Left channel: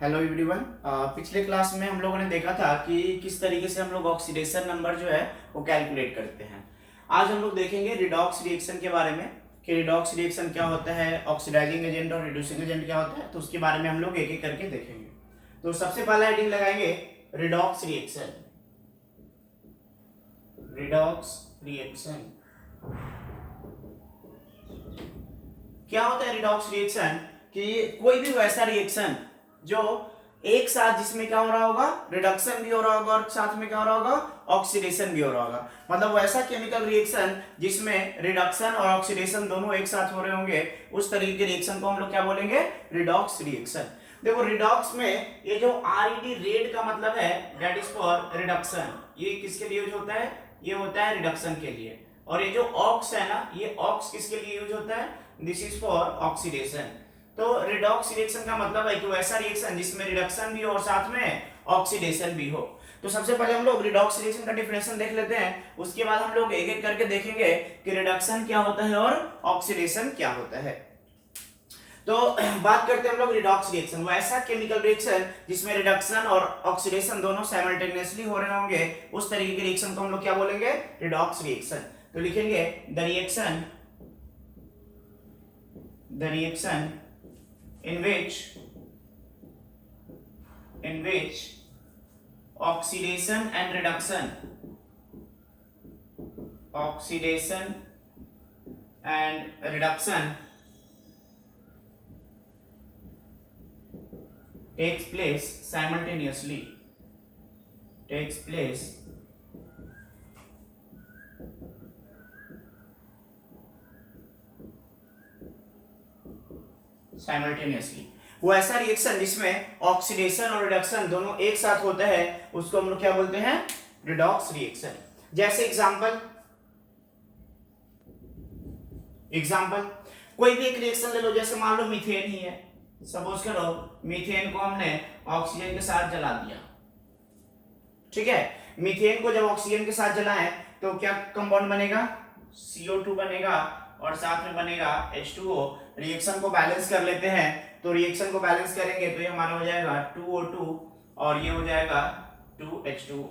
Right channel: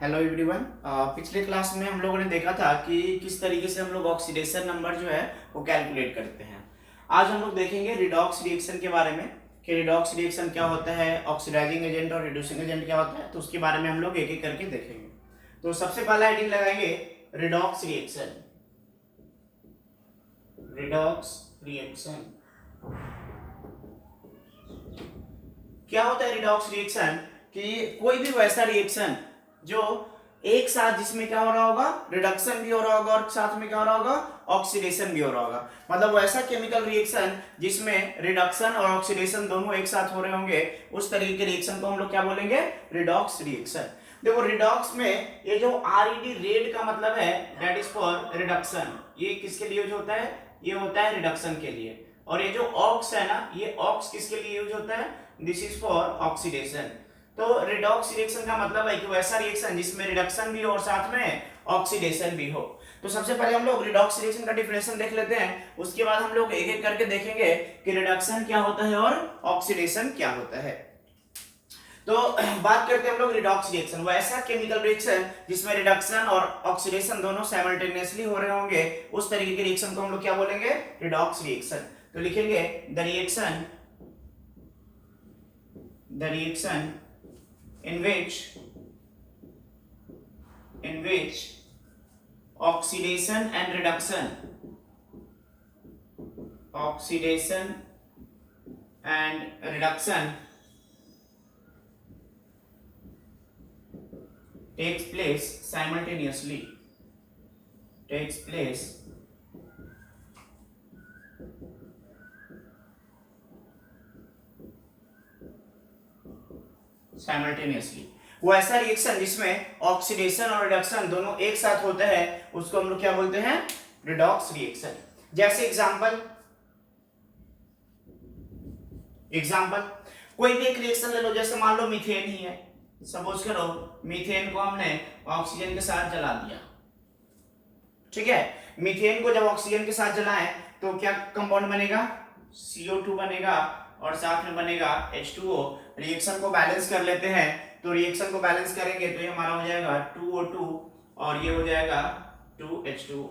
Hello everyone. पिछले class में हम लोगों ने देखा था कि किस तरीके से हम लोग ऑक्सीडेशन नंबर जो है वो कैलकुलेट करते हैं। आज हम लोग देखेंगे रिडॉक्स रिएक्शन के बारे में कि रिडॉक्स रिएक्शन क्या होता है, ऑक्सीडाइजिंग एजेंट और रिड्यूसिंग एजेंट क्या होता है, तो उसके बारे में हम लोग एक एक करके देखेंगे। तो सबसे पहला हेडिंग लगाएंगे रिडॉक्स रिएक्शन। रिडॉक्स रिएक्शन क्या होता है? रिडॉक्स रिएक्शन कि कोई भी वैसा रिएक्शन जो एक साथ जिसमें क्या हो रहा होगा, रिडक्शन भी हो रहा होगा और साथ में क्या हो रहा होगा, ऑक्सीडेशन भी हो रहा होगा। मतलब वैसा केमिकल रिएक्शन जिसमें रिडक्शन और ऑक्सीडेशन दोनों एक साथ हो रहे होंगे, उस तरीके के रिएक्शन को हम लोग क्या बोलेंगे, रिडॉक्स रिएक्शन। देखो रिडॉक्स में ये जो RED रेड का मतलब है दैट इज फॉर रिडक्शन। ये किसके लिए यूज होता है? ये होता है रिडक्शन के लिए। और ये जो ऑक्स है ना, ये ऑक्स किसके लिए यूज होता है? This is for oxidation. तो रिडॉक्स रिएक्शन का मतलब है कि वैसा रिएक्शन जिसमें रिडक्शन भी हो और साथ में ऑक्सीडेशन भी हो। तो सबसे पहले हम लोग रिडॉक्स रिएक्शन का डेफिनेशन देख लेते हैं, उसके बाद हम लोग एक एक करके देखेंगे कि रिडक्शन क्या होता है और ऑक्सीडेशन क्या होता है। तो बात करते हैं हम लोग रिडॉक्स रिएक्शन, वैसा केमिकल रिएक्शन जिसमें रिडक्शन और ऑक्सीडेशन दोनों साइमल्टेनियसली हो रहे होंगे, उस तरीके के रिएक्शन को हम लोग क्या बोलेंगे, रिडॉक्स रिएक्शन। तो लिखेंगे the reaction in which oxidation and reduction takes place simultaneously वो ऐसा रिएक्शन जिसमें ऑक्सीडेशन और रिडक्शन दोनों एक साथ होते हैं, उसको हम लोग क्या बोलते हैं, रिडॉक्स रिएक्शन। जैसे एग्जांपल कोई भी एक रिएक्शन ले लो, जैसे मान लो मीथेन ही है। सपोज करो मीथेन को हमने ऑक्सीजन के साथ जला दिया, ठीक है। मीथेन को जब ऑक्सीजन के साथ जलाएं तो क्या कंपाउंड बनेगा, CO2 बनेगा और साथ में बनेगा H2O। रिएक्शन को बैलेंस कर लेते हैं, तो रिएक्शन को बैलेंस करेंगे तो ये हमारा हो जाएगा 2O2 और ये हो जाएगा 2H2O।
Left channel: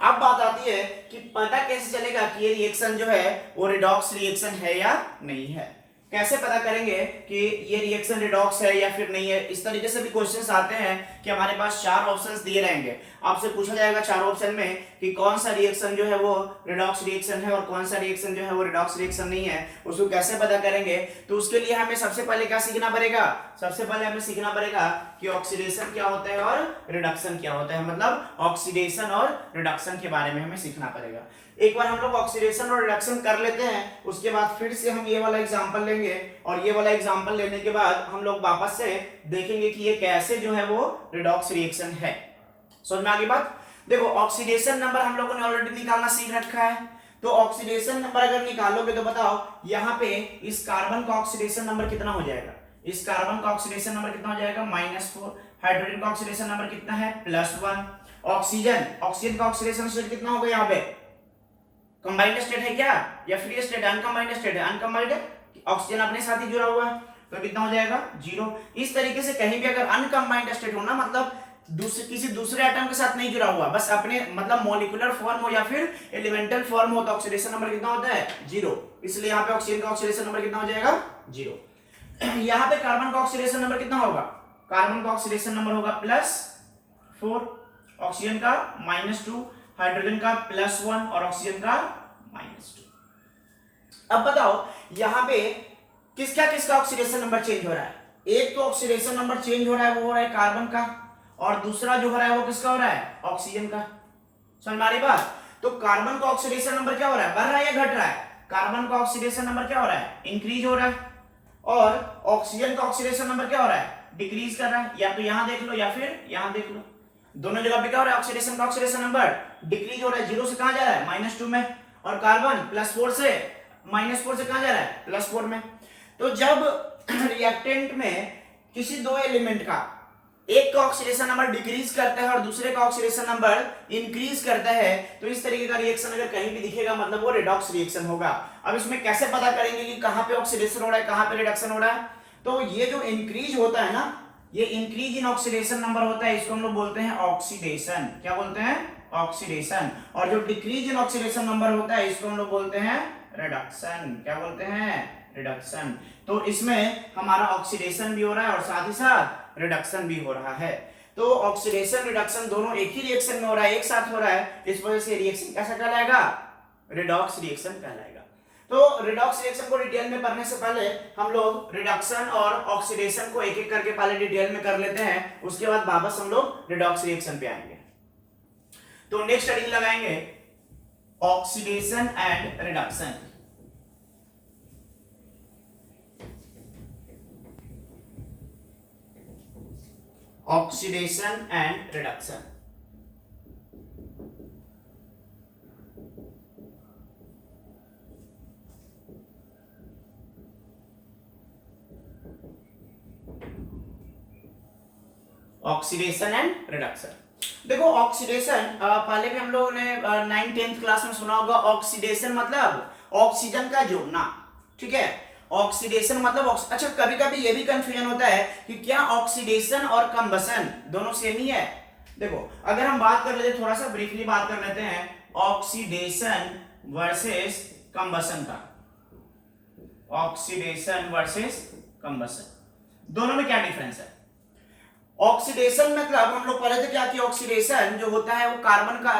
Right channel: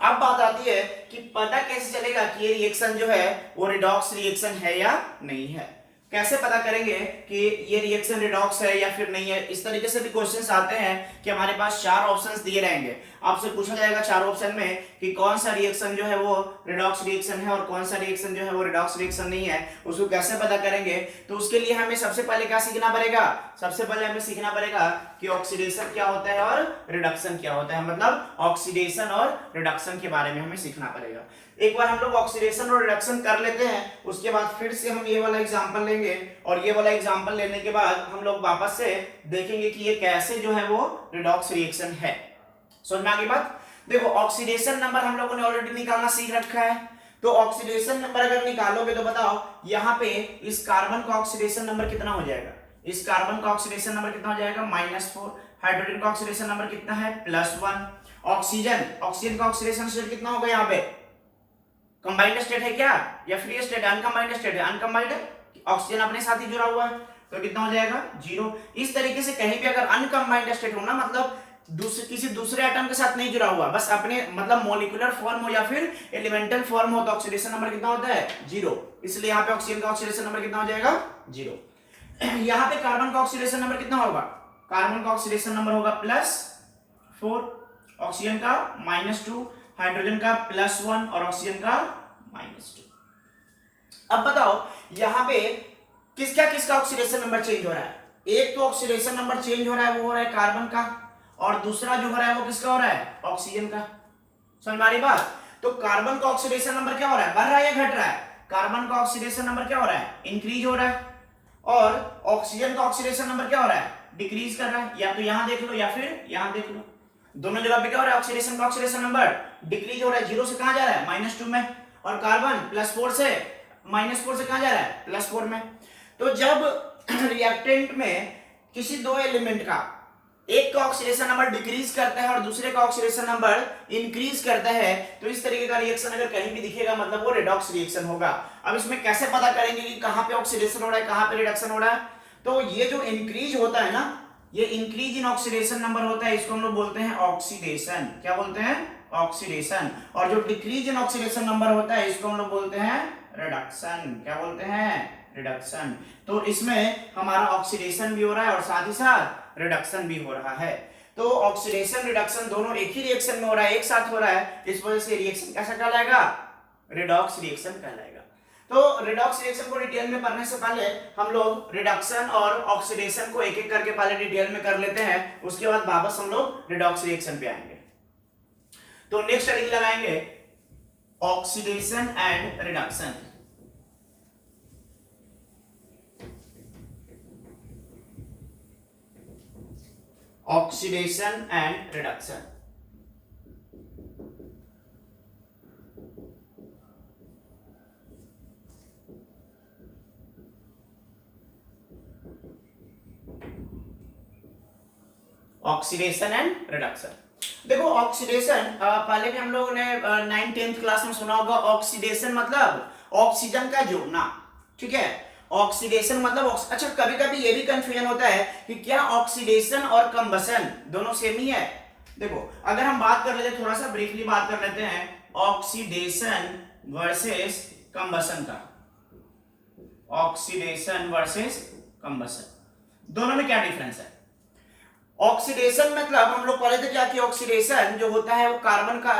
अब बात आती है कि पता कैसे चलेगा कि ये रिएक्शन जो है वो रिडॉक्स रिएक्शन है या नहीं है। कैसे पता करेंगे कि ये रिएक्शन रिडॉक्स है या फिर नहीं है? इस तरीके से भी क्वेश्चंस आते हैं कि हमारे पास 4 ऑप्शंस दिए रहेंगे, आपसे पूछा जाएगा 4 ऑप्शन में कि कौन सा रिएक्शन जो है वो रिडॉक्स रिएक्शन है और कौन सा रिएक्शन जो है वो रिडॉक्स रिएक्शन नहीं है। उसको कैसे पता करेंगे? तो उसके लिए हमें सबसे पहले क्या सीखना पड़ेगा, सबसे पहले हमें सीखना पड़ेगा कि ऑक्सीडेशन क्या होता है और रिडक्शन क्या होता है। मतलब ऑक्सीडेशन और रिडक्शन के बारे में हमें सीखना पड़ेगा। एक बार हम लोग ऑक्सीडेशन और रिडक्शन कर लेते हैं, उसके बाद फिर से हम ये वाला एग्जांपल लेंगे और ये वाला एग्जांपल लेने के बाद हम लोग वापस से देखेंगे कि ये कैसे जो है वो रिडॉक्स रिएक्शन है। समझ में आ गई बात? देखो ऑक्सीडेशन नंबर हम लोगों ने ऑलरेडी निकालना सीख रखा है, तो ऑक्सीडेशन नंबर अगर निकालोगे तो बताओ यहाँ पे इस कार्बन का ऑक्सीडेशन नंबर कितना हो जाएगा, इस कार्बन का ऑक्सीडेशन नंबर कितना हो जाएगा, -4। हाइड्रोजन का ऑक्सीडेशन नंबर कितना है, +1। ऑक्सीजन का ऑक्सीडेशन स्टेट कितना होगा, यहाँ पे कंबाइंड स्टेट है क्या या फ्री स्टेट, अनकंबाइंड स्टेट है, अनकंबाइंड ऑक्सीजन अपने साथ ही जुड़ा हुआ है, तो कितना हो जाएगा, 0। इस तरीके से कहीं भी अगर अनकंबाइंड स्टेट हो ना, मतलब किसी दूसरे एटम के साथ नहीं जुड़ा हुआ, बस अपने मतलब मॉलिक्यूलर फॉर्म हो या फिर एलिमेंटल फॉर्म हो, तो ऑक्सीडेशन नंबर कितना होता है, 0। इसलिए यहाँ पे ऑक्सीजन का ऑक्सीडेशन नंबर कितना हो जाएगा, 0। यहाँ पे कार्बन का ऑक्सीडेशन नंबर कितना होगा, कार्बन का ऑक्सीडेशन नंबर होगा +4, ऑक्सीजन का -2, हाइड्रोजन का +1 और ऑक्सीजन का -2। अब बताओ यहाँ पे किसका ऑक्सीडेशन नंबर चेंज हो रहा है? एक तो ऑक्सीडेशन नंबर चेंज हो रहा है, वो हो रहा है कार्बन का, और दूसरा जो हो रहा है वो किसका हो रहा है, ऑक्सीजन का। समझ में आ रही बात? तो कार्बन का ऑक्सीडेशन नंबर क्या हो रहा है, बढ़ रहा है या घट रहा है? कार्बन का ऑक्सीडेशन नंबर क्या हो रहा है, इंक्रीज हो रहा है, और ऑक्सीजन का ऑक्सीडेशन नंबर क्या हो रहा है, डिक्रीज कर रहा है। या तो यहां देख लो या फिर यहां देख लो, दोनों जगह पे क्या हो रहा है, ऑक्सीडेशन का ऑक्सीडेशन नंबर डिक्रीज हो रहा है, 0 से कहां जा रहा है, -2 में, और कार्बन +4 से -4 से कहां जा रहा है, +4 में। तो जब रिएक्टेंट में किसी दो एलिमेंट का एक का ऑक्सीडेशन नंबर डिक्रीज करता है और दूसरे का ऑक्सीडेशन नंबर इंक्रीज करता है, तो इस तरीके का रिएक्शन अगर कहीं भी दिखेगा मतलब वो रिडॉक्स रिएक्शन होगा। अब इसमें कैसे पता करेंगे कि कहां पे ऑक्सीडेशन हो रहा है, कहां पे रिडक्शन हो रहा है? तो ये जो इंक्रीज होता है ना, ये इंक्रीज इन ऑक्सीडेशन नंबर होता है, इसको हम लोग बोलते हैं ऑक्सीडेशन। क्या बोलते हैं? ऑक्सीडेशन। और जो डिक्रीज इन ऑक्सीडेशन नंबर होता है इसको हम लोग बोलते हैं रिडक्शन। क्या बोलते हैं? रिडक्शन। तो इसमें हमारा ऑक्सीडेशन भी हो रहा है और साथ ही साथ रिडक्शन भी हो रहा है। तो ऑक्सीडेशन रिडक्शन दोनों एक ही रिएक्शन में हो रहा है, एक साथ हो रहा है, इस वजह से रिएक्शन कैसा कहलाएगा? रिडॉक्स रिएक्शन कहलाएगा। तो रिडॉक्स रिएक्शन को डिटेल में पढ़ने से पहले हम लोग रिडक्शन और ऑक्सीडेशन को एक एक करके पहले डिटेल में कर लेते हैं, उसके बाद वापस हम लोग रिडॉक्स रिएक्शन पे आएंगे। तो नेक्स्ट हेडिंग लगाएंगे oxidation and reduction. Oxidation and reduction. Oxidation and reduction. देखो ऑक्सीडेशन पहले भी हम लोगों ने 9th-10th क्लास में सुना होगा। ऑक्सीडेशन मतलब ऑक्सीजन का जुड़ना, ठीक है। ऑक्सीडेशन मतलब अच्छा, कभी कभी ये भी कंफ्यूजन होता है कि क्या ऑक्सीडेशन और कंबसन दोनों सेम ही है। देखो अगर हम बात कर लेते, थोड़ा सा ब्रीफली बात कर लेते हैं ऑक्सीडेशन वर्सेस कंबसन का। ऑक्सीडेशन वर्सेस कंबसन, दोनों में क्या डिफरेंस है? ऑक्सीडेशन मतलब हम लोग पढ़े थे क्या कि ऑक्सीडेशन जो होता है वो कार्बन का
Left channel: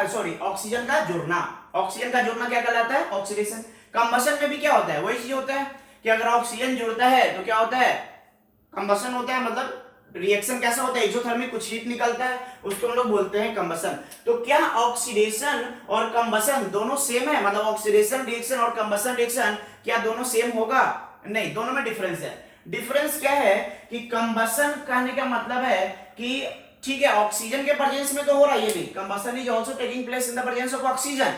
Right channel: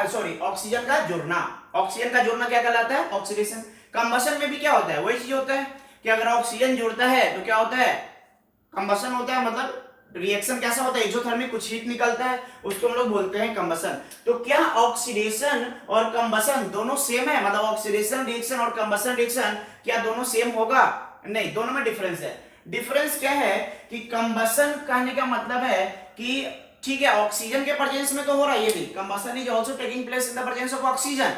ऑक्सीजन का जुड़ना। ऑक्सीजन का जुड़ना क्या कहलाता है? ऑक्सीडेशन। कंबसन में भी क्या होता है? वही चीज होता है कि अगर ऑक्सीजन जुड़ता है तो क्या होता है? कंबसन होता है। मतलब रिएक्शन कैसा होता है? एक्सोथर्मिक, कुछ हीट निकलता है, उसको हम लोग बोलते हैं कंबसन। तो क्या ऑक्सीडेशन और कंबसन दोनों सेम है? मतलब ऑक्सीडेशन रिएक्शन और कंबसन रिएक्शन क्या दोनों सेम होगा? नहीं, दोनों में डिफरेंस है। डिफरेंस क्या है कि कंबसन कहने का मतलब है कि ठीक है ऑक्सीजन के प्रेजेंस में तो हो रहा है, ये भी combustion is also taking place in the presence of oxygen,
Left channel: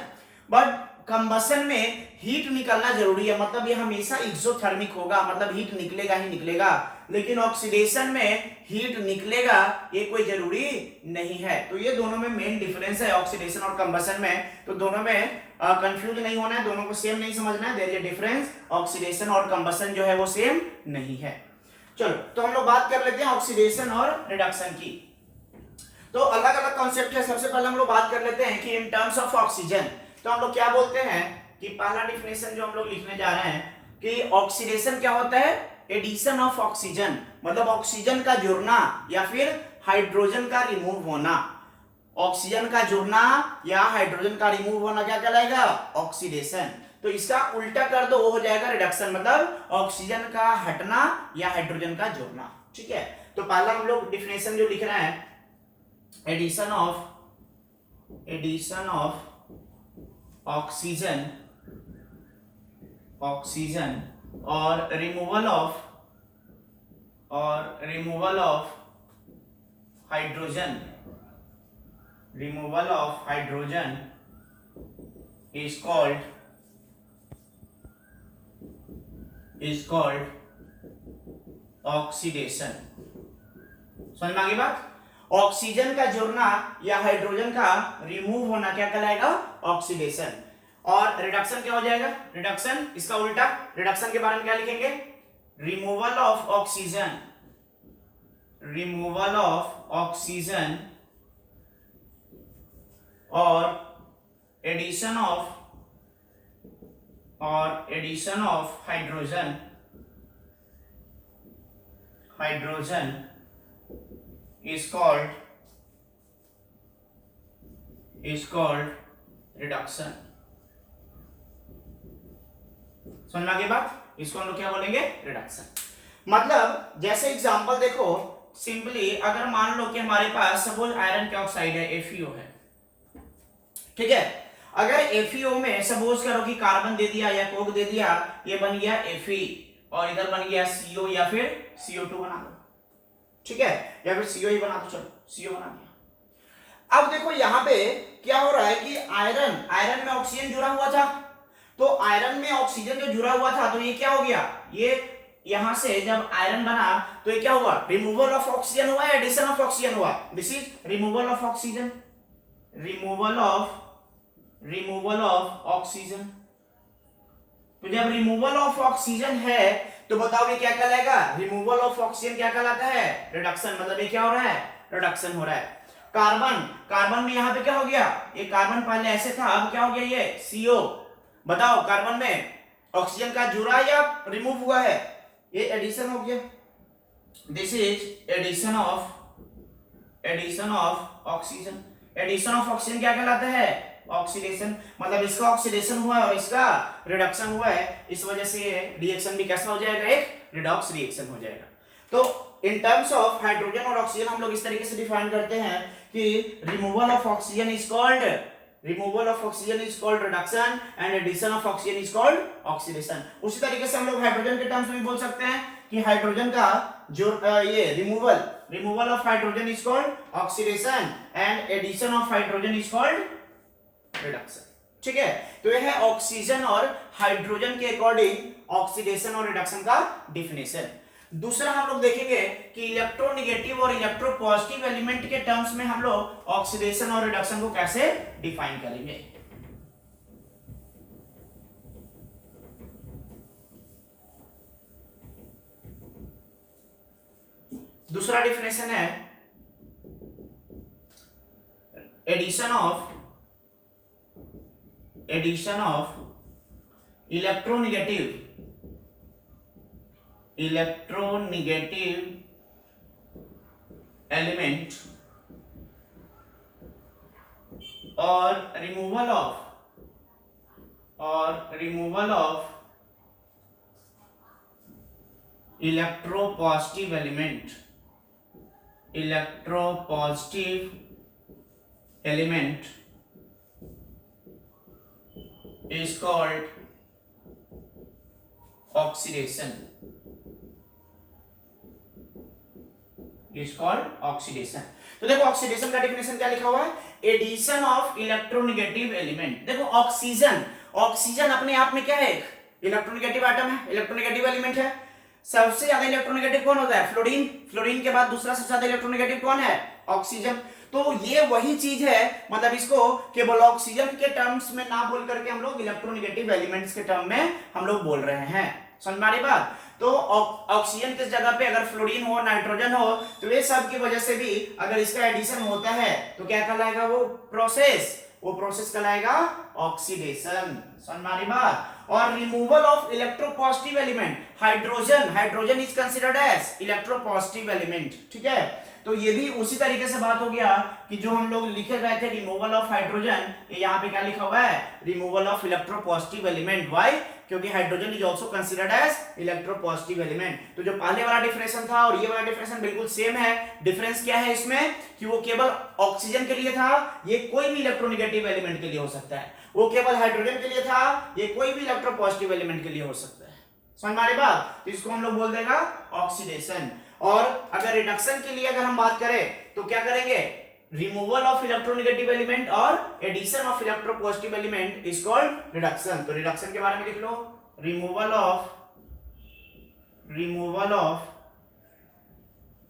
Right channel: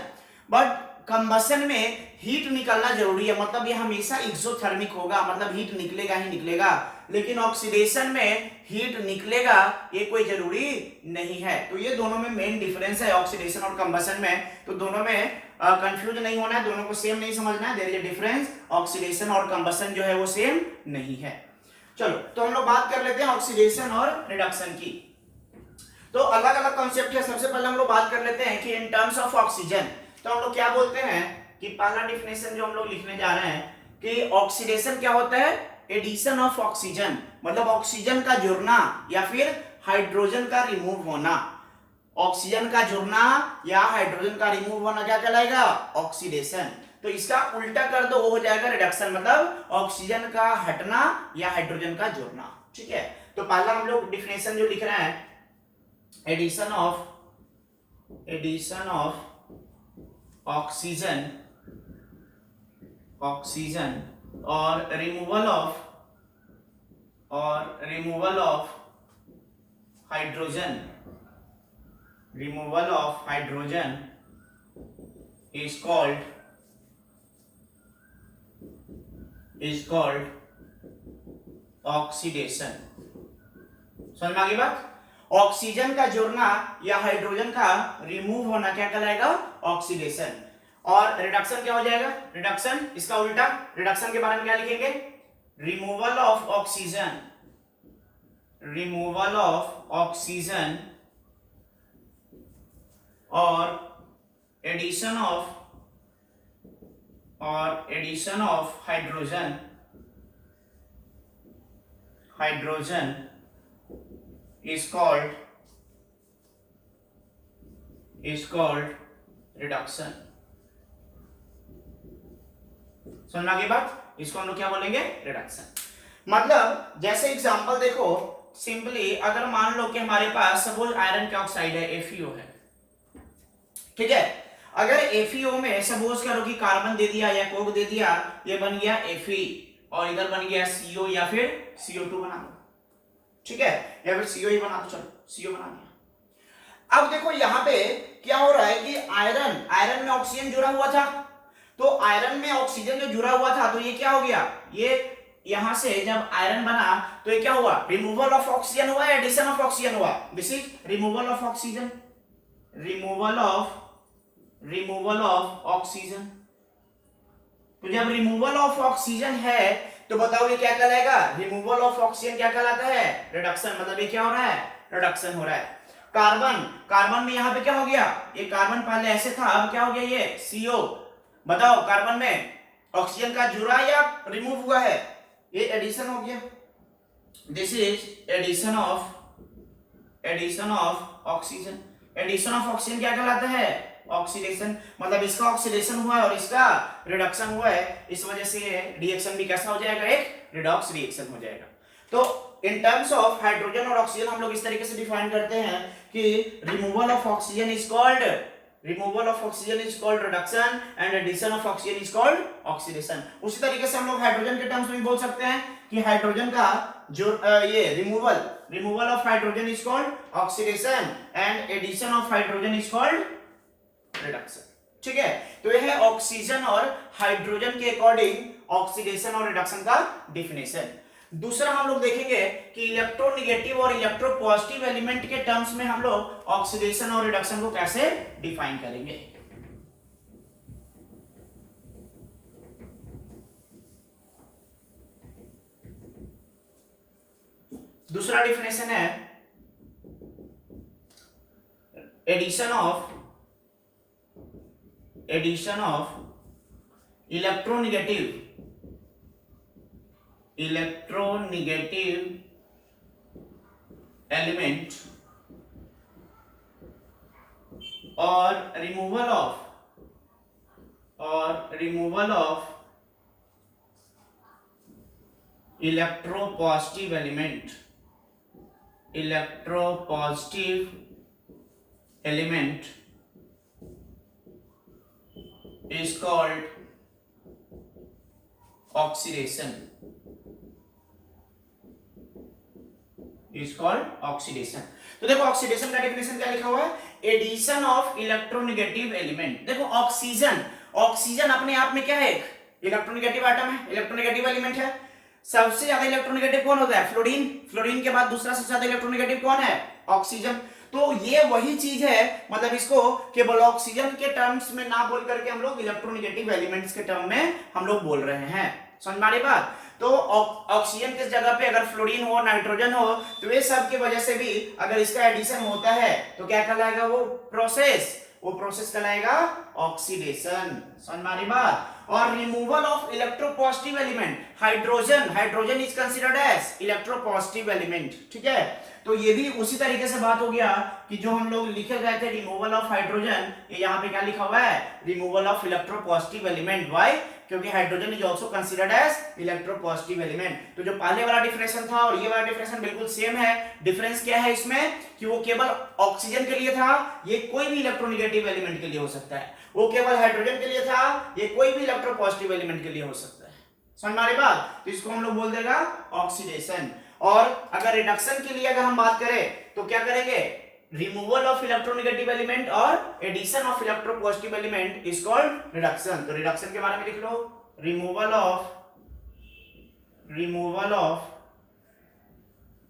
but combustion में हीट निकलना जरूरी है। मतलब ये हमेशा एक्सोथर्मिक होगा, मतलब हीट निकलेगा ही निकलेगा। लेकिन ऑक्सीडेशन में हीट निकलेगा ये कोई जरूरी नहीं है। तो ये दोनों में मेन डिफरेंस है ऑक्सीडेशन और कंबसन में। तो दोनों में कंफ्यूज नहीं होना है, दोनों को सेम नहीं समझना है। There is a difference. Oxidation और कंबसन जो है वो सेम नहीं है। चलो तो हम लोग बात कर लेते हैं ऑक्सीडेशन और रिडक्शन की। तो अलग अलग कॉन्सेप्ट है। सबसे पहले हम लोग बात कर लेते हैं कि इन टर्म्स ऑफ ऑक्सीजन तो हम लोग क्या बोलते हैं कि पहला डिफिनेशन जो हम लोग लिखने जा रहे हैं कि ऑक्सीडेशन क्या होता है? एडिशन ऑफ ऑक्सीजन, मतलब ऑक्सीजन का जुड़ना या फिर हाइड्रोजन का रिमूव होना। ऑक्सीजन का जुड़ना या हाइड्रोजन का रिमूव होना क्या कहलाएगा? ऑक्सीडेशन। तो इसका उल्टा कर दो, वो हो जाएगा रिडक्शन, मतलब ऑक्सीजन का हटना या हाइड्रोजन का जुड़ना। ठीक है, तो पहला हम लोग डिफिनेशन जो लिख रहे हैं एडिशन ऑफ ऑक्सीजन और removal of hydrogen is called oxidation. समझ में आ गई बात? ऑक्सीजन का जुड़ना या हाइड्रोजन का रिमूव होना क्या कहलाएगा? ऑक्सीडेशन। और रिडक्शन क्या हो जाएगा? रिडक्शन इसका उल्टा। रिडक्शन के बारे में क्या लिखेंगे? रिमूवल ऑफ ऑक्सीजन और addition of hydrogen is called reduction. समझ आ गई बात? इसको हम लोग क्या बोलेंगे? रिडक्शन। मतलब जैसे एग्जांपल देखो, सिंपली अगर मान लो कि हमारे पास सपोज आयरन का ऑक्साइड है, FeO है, ठीक है। अगर FeO में सपोज करो कि कार्बन दे दिया या कोक दे दिया, ये बन गया Fe और इधर बन गया CO या फिर CO2 बना दो, ठीक है, या फिर CO ही बना दो, चलो CO बना दिया। अब देखो यहां पे क्या हो रहा है कि आयरन में ऑक्सीजन जुड़ा हुआ था, तो आयरन में ऑक्सीजन जो जुड़ा हुआ था तो ये क्या हो गया? ये यहां से जब आयरन बना तो ये क्या हुआ? रिमूवल ऑफ ऑक्सीजन हुआ या एडिशन ऑफ ऑक्सीजन हुआ? This is removal of oxygen. Removal of oxygen. तो जब रिमूवल ऑफ ऑक्सीजन है तो बताओ ये क्या कहलाएगा? रिमूवल ऑफ ऑक्सीजन क्या कहलाता है? रिडक्शन। मतलब ये क्या हो रहा है? रिडक्शन हो रहा है। कार्बन, कार्बन में यहाँ पे क्या हो गया? ये कार्बन पहले ऐसे था, अब क्या हो गया? ये CO। बताओ कार्बन में ऑक्सीजन का जुड़ा या रिमूव हुआ है? ये एडिशन हो गया। This is addition of oxygen. Addition of oxygen क्या कहलाता है? ऑक्सीडेशन। मतलब इसका ऑक्सीडेशन हुआ है और इसका रिडक्शन हुआ है, इस वजह से ये रिएक्शन भी कैसा हो जाएगा? एक रिडॉक्स रिएक्शन हो जाएगा। तो इन टर्म्स ऑफ हाइड्रोजन और ऑक्सीजन हम लोग इस तरीके से डिफाइन करते हैं कि removal of oxygen is called reduction and addition of oxygen is called oxidation. उसी तरीके से हम लोग हाइड्रोजन के टर्म्स में बोल सकते हैं कि हाइड्रोजन का जो ये removal of hydrogen is called oxidation and addition of hydrogen is called reduction. ठीक है, तो यह है ऑक्सीजन और हाइड्रोजन के अकॉर्डिंग ऑक्सीडेशन और रिडक्शन का डिफिनेशन। दूसरा हम लोग देखेंगे कि इलेक्ट्रोनेगेटिव और इलेक्ट्रोपॉजिटिव एलिमेंट के टर्म्स में हम लोग ऑक्सीडेशन और रिडक्शन को कैसे डिफाइन करेंगे। दूसरा डिफिनेशन है एडिशन ऑफ इलेक्ट्रोनेगेटिव एलिमेंट और removal of electropositive element is called oxidation। तो देखो ऑक्सीडेशन का डेफिनेशन क्या लिखा हुआ है? Addition of electronegative element. देखो ऑक्सीजन अपने आप में क्या है? इलेक्ट्रोनेगेटिव एटम है, इलेक्ट्रोनेगेटिव एलिमेंट है। सबसे ज्यादा इलेक्ट्रोनेगेटिव कौन होता है? फ्लोरीन के बाद दूसरा सबसे ज्यादा इलेक्ट्रोनेगेटिव कौन है? ऑक्सीजन। तो ये वही चीज है, मतलब इसको केवल ऑक्सीजन के टर्म्स में ना बोल करके हम लोग इलेक्ट्रोनेगेटिव एलिमेंट्स के टर्म में हम लोग बोल रहे हैं। समझ में आ रही बात? तो ऑक्सीजन की जगह पे अगर फ्लोरीन हो, नाइट्रोजन हो, तो ये सब की वजह से भी अगर इसका एडिशन होता है तो क्या कहलाएगा? वो प्रोसेस कहलाएगा ऑक्सीडेशन। समझ में आ रही बात? और removal of electropositive element, hydrogen is considered as electropositive element. ठीक है, तो ये भी उसी तरीके से बात हो गया कि जो हम लोग लिखे गए थे रिमूवल ऑफ हाइड्रोजन, ये यहाँ पे क्या लिखा हुआ है? Removal of electropositive element. Why? क्योंकि hydrogen is also considered as electropositive element. तो जो पहले वाला डिफरेंस था और ये वाला डिफरेंस बिल्कुल सेम है। डिफरेंस क्या है इसमें कि वो केवल ऑक्सीजन के लिए था, ये कोई भी इलेक्ट्रोनेगेटिव एलिमेंट के लिए हो सकता है। वो केवल हाइड्रोजन के लिए था, ये कोई भी इलेक्ट्रोपॉजिटिव एलिमेंट के लिए हो सकता है। समझ में आ रही बात? तो इसको हम लोग बोल देगा ऑक्सीडेशन। और अगर रिडक्शन के लिए अगर हम बात करें तो क्या करेंगे? रिमूवल ऑफ इलेक्ट्रोनेगेटिव एलिमेंट और addition of electropositive element is called reduction. तो रिडक्शन के बारे में लिख लो, रिमूवल ऑफ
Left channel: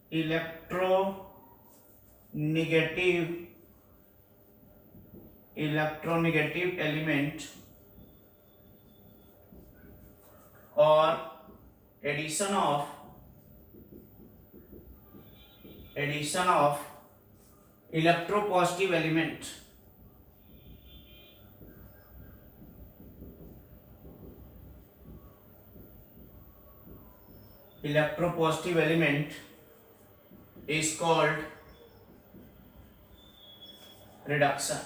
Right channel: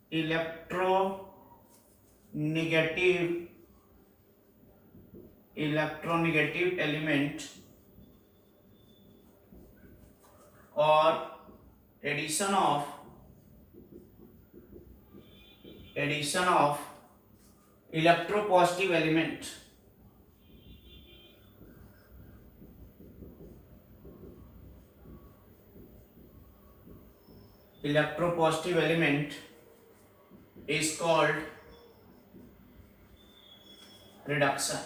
इलेक्ट्रोनेगेटिव एलिमेंट और addition of electropositive element is called reduction।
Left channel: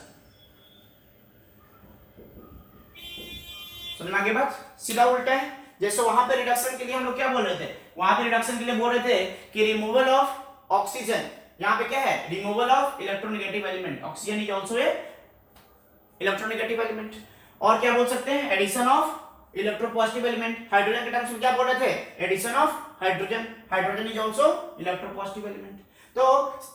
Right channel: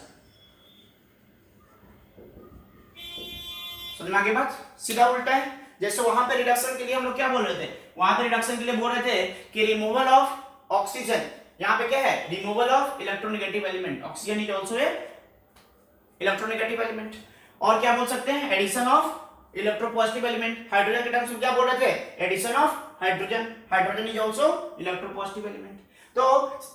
समझ में आ गई बात? सीधा उल्टा है। जैसे वहां पे रिडक्शन के लिए हम लोग क्या बोल रहे थे? वहां पे रिडक्शन के लिए बोल रहे थे कि रिमूवल ऑफ ऑक्सीजन, यहाँ पे क्या है? Removal of electronegative element. Oxygen is also a electronegative element. और क्या बोल सकते हैं? Addition of electropositive element. Hydrogen के टर्म्स में क्या बोल रहे थे? Addition of hydrogen is also electropositive element. तो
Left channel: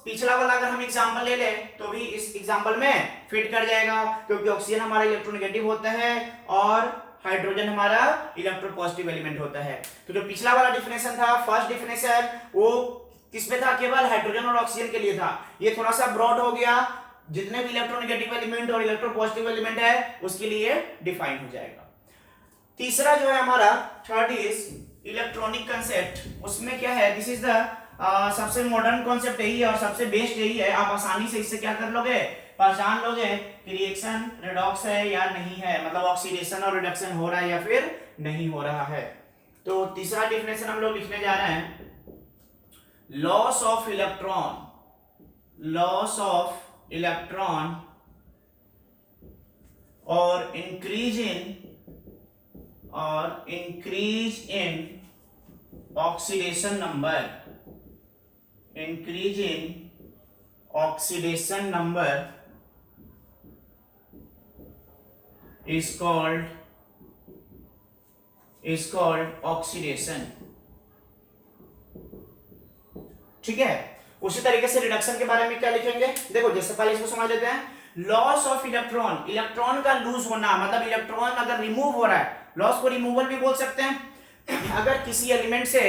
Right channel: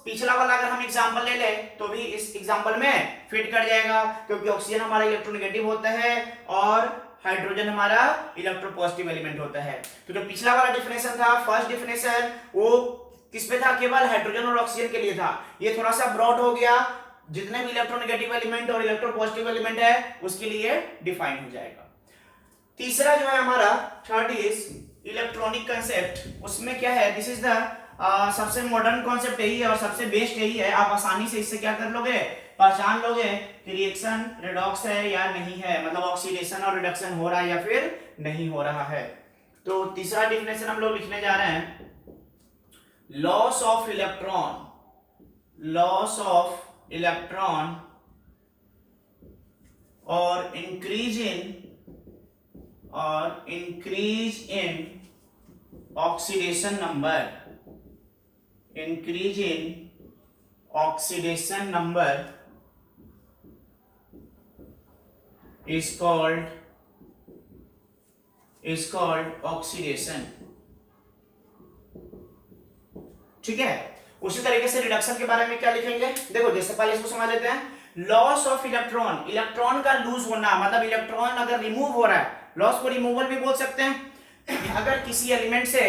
पिछला वाला अगर हम एग्जांपल ले ले तो भी इस एग्जांपल में फिट कर जाएगा, क्योंकि ऑक्सीजन हमारा इलेक्ट्रोनेगेटिव होता है और हाइड्रोजन हमारा इलेक्ट्रोपॉजिटिव एलिमेंट होता है। तो जो पिछला वाला डिफिनेशन था, फर्स्ट डिफिनेशन, वो किस पे था? केवल हाइड्रोजन और ऑक्सीजन के लिए था। ये थोड़ा सा ब्रॉड हो गया, जितने भी इलेक्ट्रोनेगेटिव एलिमेंट और इलेक्ट्रोपॉजिटिव एलिमेंट है उसके लिए डिफाइन हो जाएगा। तीसरा जो है हमारा, थर्ड इज इलेक्ट्रॉनिक कंसेप्ट, उसमें क्या है, दिस इज द सबसे मॉडर्न कॉन्सेप्ट यही है और सबसे बेस्ट यही है। आप आसानी से इससे क्या कर लोगे, पहचान लोगे कि रिएक्शन रेडॉक्स है या नहीं है, मतलब ऑक्सीडेशन और रिडक्शन हो रहा है या फिर नहीं हो रहा है। तो तीसरा डिफिनेशन हम लोग लिखने जा रहे हैं, loss of electron, loss of electron और increase in oxidation number, increase in oxidation number is called oxidation. ठीक है, उसी तरीके से रिडक्शन के बारे में क्या लिखेंगे, देखो जैसे पहले इसको समझ लेते हैं। लॉस ऑफ इलेक्ट्रॉन, इलेक्ट्रॉन का लूज होना, मतलब इलेक्ट्रॉन अगर रिमूव हो रहा है, लॉस को रिमूवल भी बोल सकते हैं। अगर किसी एलिमेंट से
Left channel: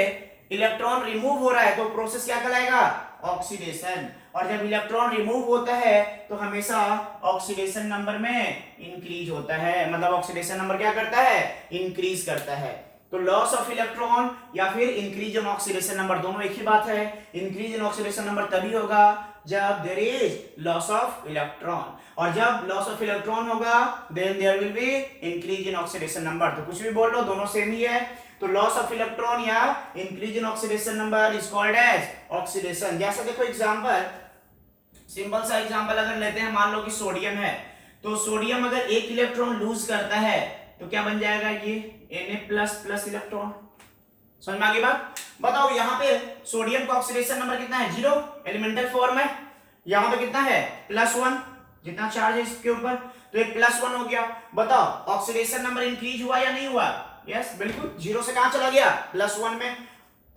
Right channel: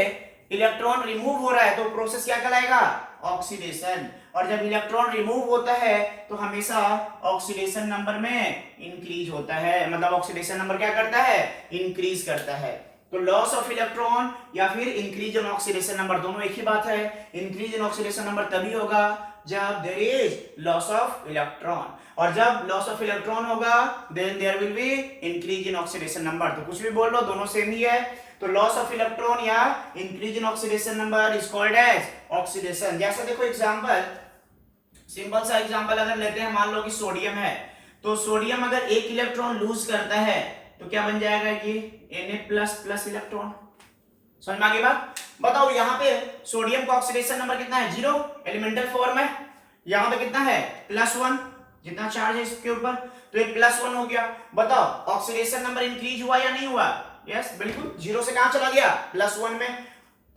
इलेक्ट्रॉन रिमूव हो रहा है तो प्रोसेस क्या कहलाएगा, ऑक्सीडेशन। और जब इलेक्ट्रॉन रिमूव होता है तो हमेशा ऑक्सीडेशन नंबर में इंक्रीज होता है, मतलब ऑक्सीडेशन नंबर क्या करता है, इंक्रीज करता है। तो लॉस ऑफ इलेक्ट्रॉन या फिर इंक्रीज इन ऑक्सीडेशन नंबर दोनों एक ही बात है। इंक्रीज इन ऑक्सीडेशन नंबर तभी होगा जब there is loss of electron, और जब लॉस ऑफ इलेक्ट्रॉन होगा then there will be increase in oxidation number. तो कुछ भी बोल लो, दोनों सेम ही है। तो लॉस ऑफ इलेक्ट्रॉन या increase in oxidation number is called as oxidation. जैसे देखो एग्जांपल, सिंपल सा एग्जांपल अगर लेते हैं, मान लो कि सोडियम है, तो सोडियम अगर एक इलेक्ट्रॉन लूज करता है तो क्या बन जाएगा, ये Na++ इलेक्ट्रॉन। समझ में आ गई बात। बताओ यहाँ पे सोडियम का ऑक्सीडेशन नंबर कितना है, 0, एलिमेंटल फॉर्म है। यहाँ पे कितना है, +1, जितना चार्ज है इसके ऊपर, तो एक +1 हो गया। बताओ ऑक्सीडेशन नंबर इंक्रीज हुआ या नहीं हुआ, यस बिल्कुल, 0 से कहां चला गया, +1 में।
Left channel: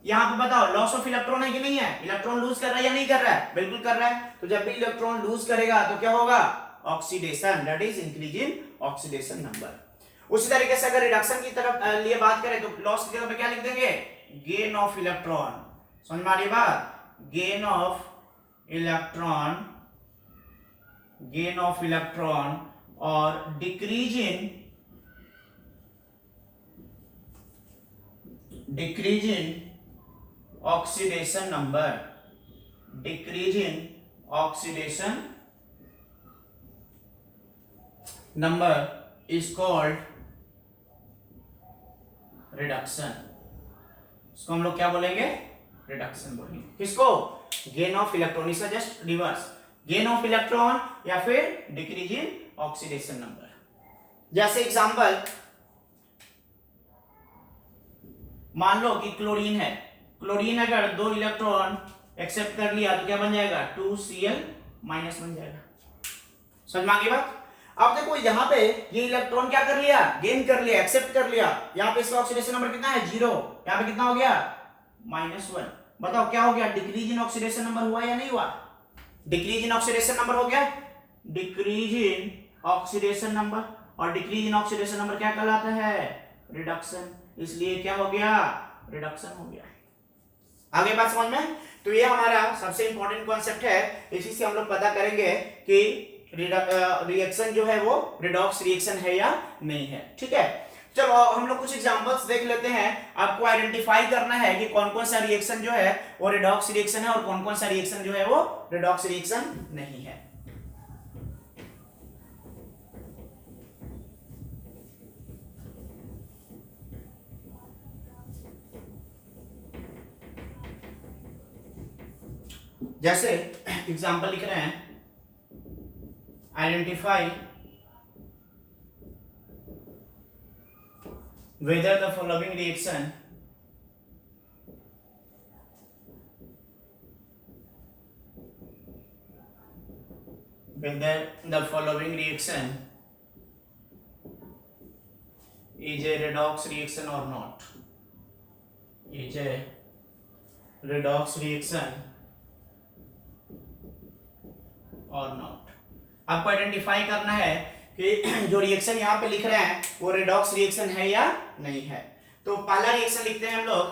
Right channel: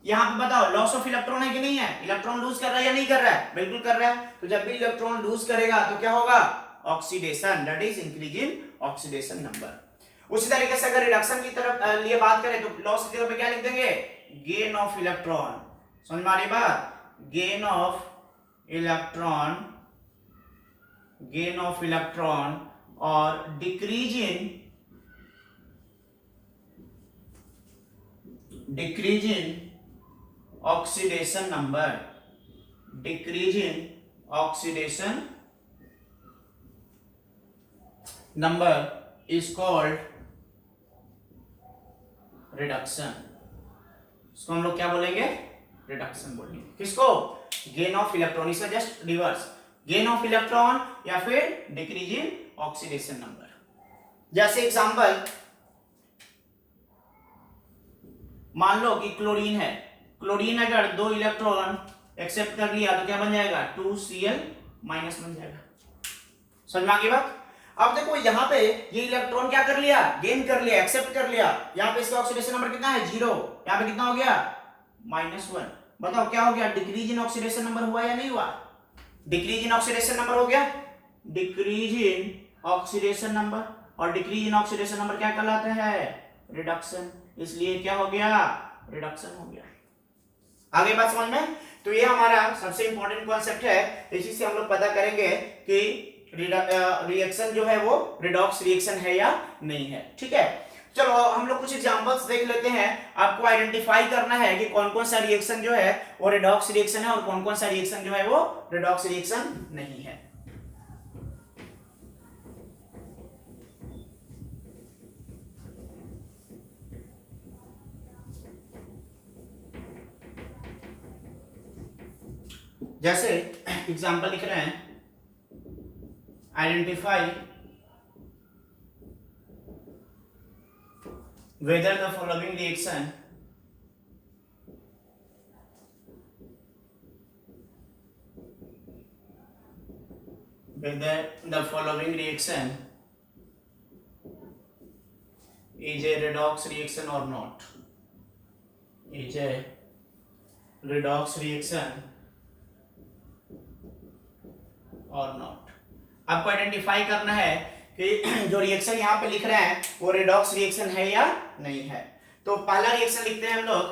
यहाँ पे बताओ लॉस ऑफ इलेक्ट्रॉन है कि नहीं है, इलेक्ट्रॉन लूज कर रहा है या नहीं कर रहा है, बिल्कुल कर रहा है। तो जब भी इलेक्ट्रॉन लूज करेगा तो क्या होगा, oxidation, that is increase in oxidation number. उसी तरीके से अगर रिडक्शन की तरफ लिए बात करें तो लॉस की जगह पे क्या लिख देंगे, गेन ऑफ इलेक्ट्रॉन। समझ में आ रही बात, gain of electron, gain of electron और decrease in oxidation number, decrease in oxidation number is called reduction. इसको हम लोग क्या बोलेंगे, रिडक्शन बोलेंगे। किसको, गेन ऑफ इलेक्ट्रॉन, इसका just reverse, gain of electron या फिर डिक्रीज इन ऑक्सीडेशन नंबर। जैसे एग्जांपल मान लो कि क्लोरीन है, क्लोरीन अगर 2 इलेक्ट्रॉन एक्सेप्ट कर लिया तो क्या बन जाएगा, 2Cl- बन जाएगा। समझ में आ गई बात। अब देखो यहाँ पे ये इलेक्ट्रॉन क्या कर लिया, गेन कर लिया, एक्सेप्ट कर लिया। यहाँ पे इसका ऑक्सीडेशन नंबर कितना है, 0, यहाँ पे कितना हो गया, -1। बताओ क्या हो गया, डिक्रीज इन ऑक्सीडेशन नंबर हुआ या नहीं हुआ, डिक्रीज इन ऑक्सीडेशन नंबर हो गया, डिक्रीज इन ऑक्सीडेशन नंबर। और डिक्रीज इन ऑक्सीडेशन नंबर क्या कहलाता है, रिडक्शन, इसलिए क्या हो गया, रिडक्शन हो गया। आगे बात समझ में। तो ये हमारा सबसे इंपॉर्टेंट कॉन्सेप्ट है, इसी से हम लोग पता करेंगे कि रिएक्शन जो है वो रिडॉक्स रिएक्शन है या नहीं है। ठीक है, चलो हम लोग कुछ एग्जांपल्स देख लेते हैं। आपको आइडेंटिफाई करना है कि कौन कौन सा रिएक्शन जो है वो रिडॉक्स रिएक्शन है और कौन कौन सा रिएक्शन जो है वो रिडॉक्स रिएक्शन नहीं है। जैसे एग्जांपल लिख रहे हैं, identify whether the following reaction is a redox reaction or not, is a redox reaction or not। आपको आइडेंटिफाई करना है कि जो रिएक्शन यहाँ पे लिख रहे हैं वो रिडॉक्स रिएक्शन है या नहीं है। तो पहला रिएक्शन लिखते हैं हम लोग।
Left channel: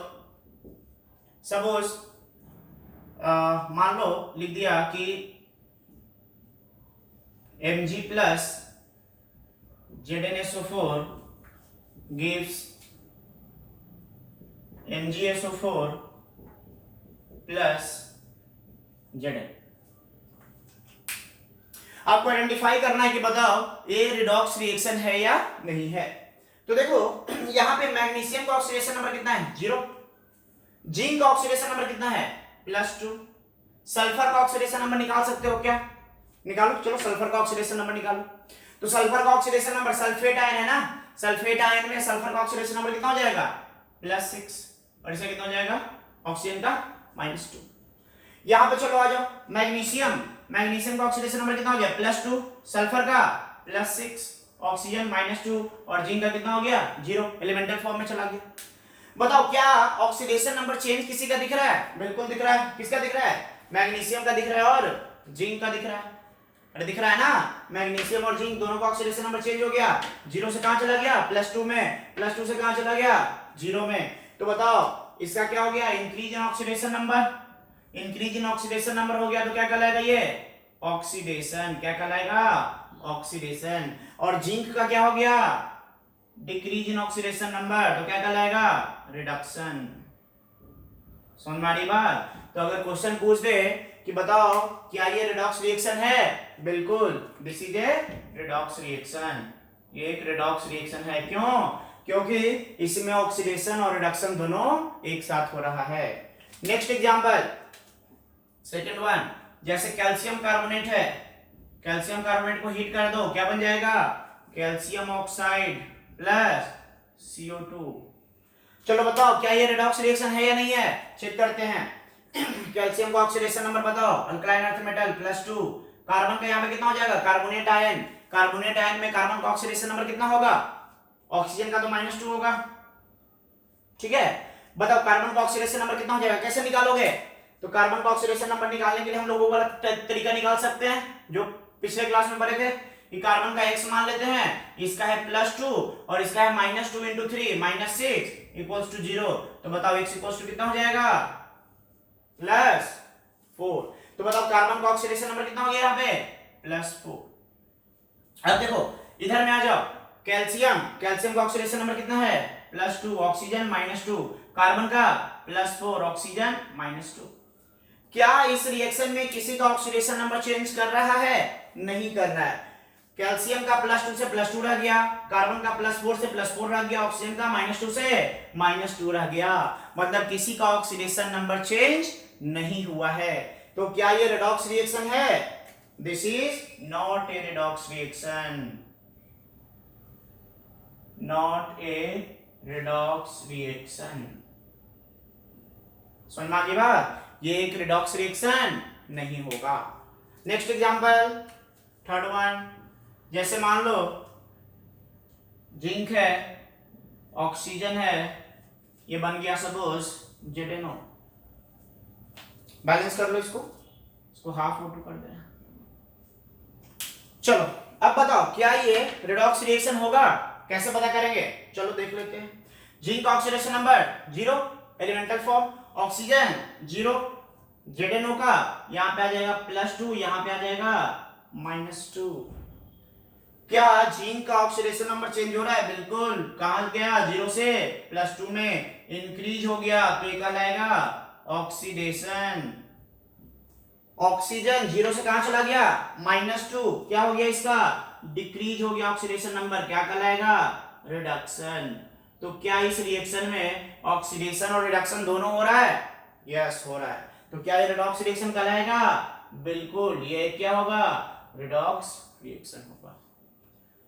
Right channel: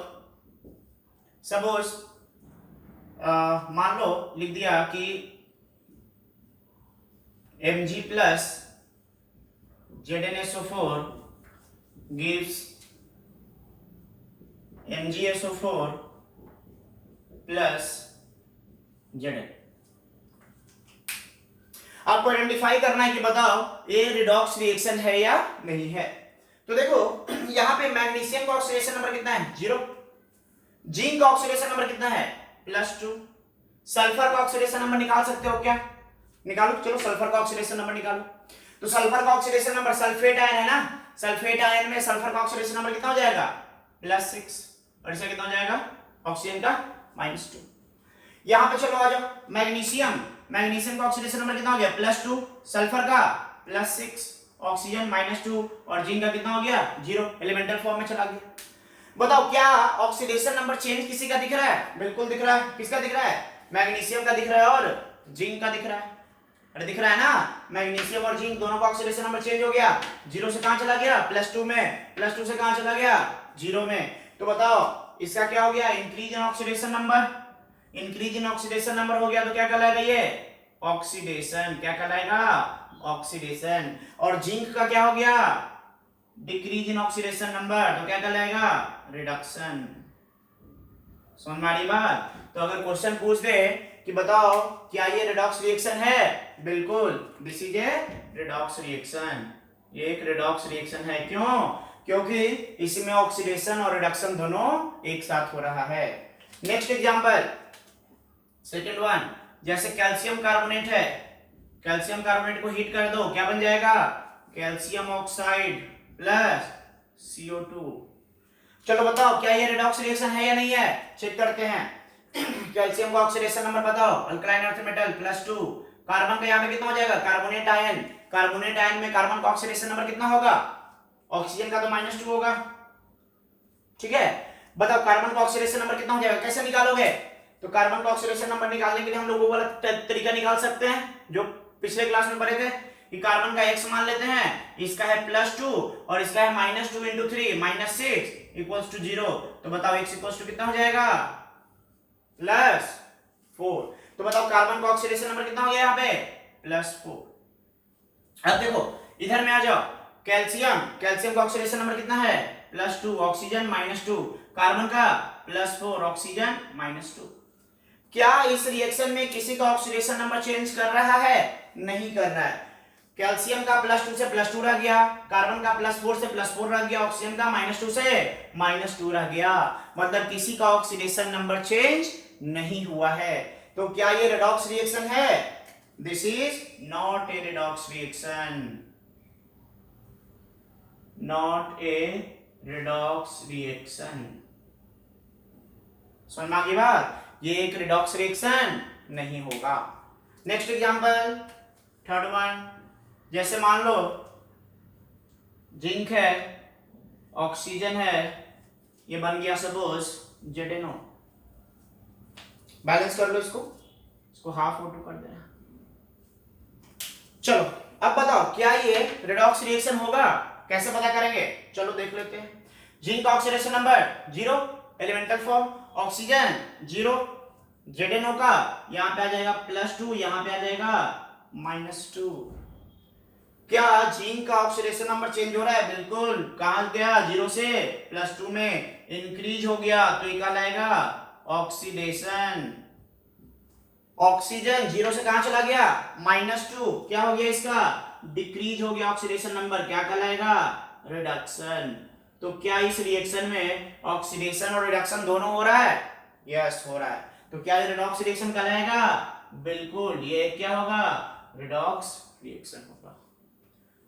सपोज मान लो लिख दिया कि Mg plus ZnSO4 gives MgSO4 plus Zn। आपको आइडेंटिफाई करना है कि बताओ ये रिडॉक्स रिएक्शन है या नहीं है। तो देखो यहां पे मैग्नीशियम का ऑक्सीडेशन नंबर कितना है 0, जिंक का ऑक्सीडेशन नंबर कितना है +2, सल्फर का ऑक्सीडेशन नंबर निकाल सकते हो क्या, निकालो, चलो सल्फर का ऑक्सीडेशन नंबर निकालो। तो सल्फर का ऑक्सीडेशन नंबर, सल्फेट आयन है ना, सल्फेट आयन में सल्फर का ऑक्सीडेशन नंबर कितना हो जाएगा +6, और इसका कितना हो जाएगा ऑक्सीजन का -2। यहां पे चलो आ जाओ मैग्नीशियम, मैग्नीशियम का ऑक्सीडेशन नंबर कितना हो गया +2, सल्फर का +6, ऑक्सीजन -2, और जिंक का कितना हो गया 0, एलिमेंटल फॉर्म में चला गया। बताओ क्या ऑक्सीडेशन नंबर चेंज किसी का दिख रहा है, बिल्कुल दिख रहा है। किसका दिख रहा है, मैग्नीशियम का दिख रहा है और जिंक का दिख रहा है। अरे दिख रहा है ना, मैग्नीशियम और जिंक दोनों का ऑक्सीडेशन नंबर चेंज हो गया, 0 से कहां चला गया +2 में, +2 से कहां चला गया 0 में। तो बताओ इसका क्या हो गया increase in oxidation number, increase in oxidation number हो गया तो क्या कहलाएगा ये ऑक्सीडेशन, क्या कहलाएगा ऑक्सीडेशन। और जिंक का क्या हो गया डिक्रीज इन ऑक्सीडेशन नंबर, तो क्या कहलाएगा रिडक्शन। समझ में आ रही बात। तो अगर क्वेश्चन पूछ दे कि बताओ क्या ये रिडॉक्स रिएक्शन है, बिल्कुल this is a redox reaction, ये एक रिडॉक्स रिएक्शन है। क्यों, क्योंकि इसमें ऑक्सीडेशन और रिडक्शन दोनों एक साथ हो रहा है। नेक्स्ट एग्जांपल सेकंड वन, जैसे कैल्शियम कार्बोनेट है, कैल्शियम कार्बोनेट को हीट कर दो, क्या बन जाएगा कैल्शियम ऑक्साइड प्लस CO2। चलो बताओ क्या ये रिडॉक्स रिएक्शन है या नहीं है, चेक करते हैं। कैल्शियम का ऑक्सीडेशन नंबर बताओ, अल्कलाइन अर्थ मेटल +2, कार्बन का यहाँ पे कितना हो जाएगा कार्बोनेट आयन, कार्बोनेट आयन में कार्बन का ऑक्सीडेशन नंबर कितना होगा, ऑक्सीजन का तो -2 होगा, ठीक है। बताओ कार्बन का ऑक्सीडेशन नंबर कितना हो जाएगा, कैसे निकालोगे। तो कार्बन का ऑक्सीडेशन नंबर निकालने के लिए हम लोग वो वाला तरीका निकाल सकते हैं जो पिछले क्लास में पढ़े थे कि कार्बन का x मान लेते हैं, इसका है +2 और इसका है -2 × 3 -6 = 0। तो बताओ x = कितना हो जाएगा +4। तो बताओ कार्बन का ऑक्सीडेशन नंबर कितना हो गया यहाँ पे +4। अब देखो इधर में आ जाओ, कैल्शियम, कैल्शियम का ऑक्सीडेशन नंबर कितना है +2, ऑक्सीजन -2, कार्बन का +4, ऑक्सीजन -2। क्या इस रिएक्शन में किसी का ऑक्सीडेशन नंबर चेंज कर रहा है, नहीं कर रहा है। कैल्शियम का +2 से +2 रह गया, कार्बन का +4 से +4 रह गया, ऑक्सीजन का -2 से -2 रह गया, मतलब किसी का ऑक्सीडेशन नंबर चेंज नहीं हुआ है। तो क्या ये रिडॉक्स रिएक्शन है, this is not a redox reaction, not a redox reaction. समझ में आ गई बात, ये एक रिडॉक्स रिएक्शन नहीं होगा। नेक्स्ट एग्जांपल थर्ड वन, जैसे मान लो जिंक है, ऑक्सीजन है, ये बन गया सपोज ZnO। बैलेंस कर लो इसको हाफ O2 कर देना। चलो अब बताओ क्या ये रिडॉक्स रिएक्शन होगा, कैसे पता करेंगे, चलो देख लेते हैं। जिंक का oxidation number 0, elemental form, oxygen 0, ZnO का यहां पे आ जाएगा +2, यहां पे आ जाएगा -2। क्या जिंक का ऑक्सीडेशन नंबर चेंज हो रहा है, बिल्कुल, कहां गया 0 से +2 में इंक्रीज हो गया, तो ये कहलाएगा ऑक्सीडेशन। ऑक्सीजन 0 से कहां चला गया -2, क्या हो गया इसका डिक्रीज हो गया ऑक्सीडेशन नंबर, क्या कहलाएगा रिडक्शन। तो क्या इस रिएक्शन में ऑक्सीडेशन और रिडक्शन दोनों हो रहा है, यस हो रहा है। तो क्या ये रिडॉक्स रिएक्शन कहलाएगा, बिल्कुल ये क्या होगा रिडॉक्स रिएक्शन होगा।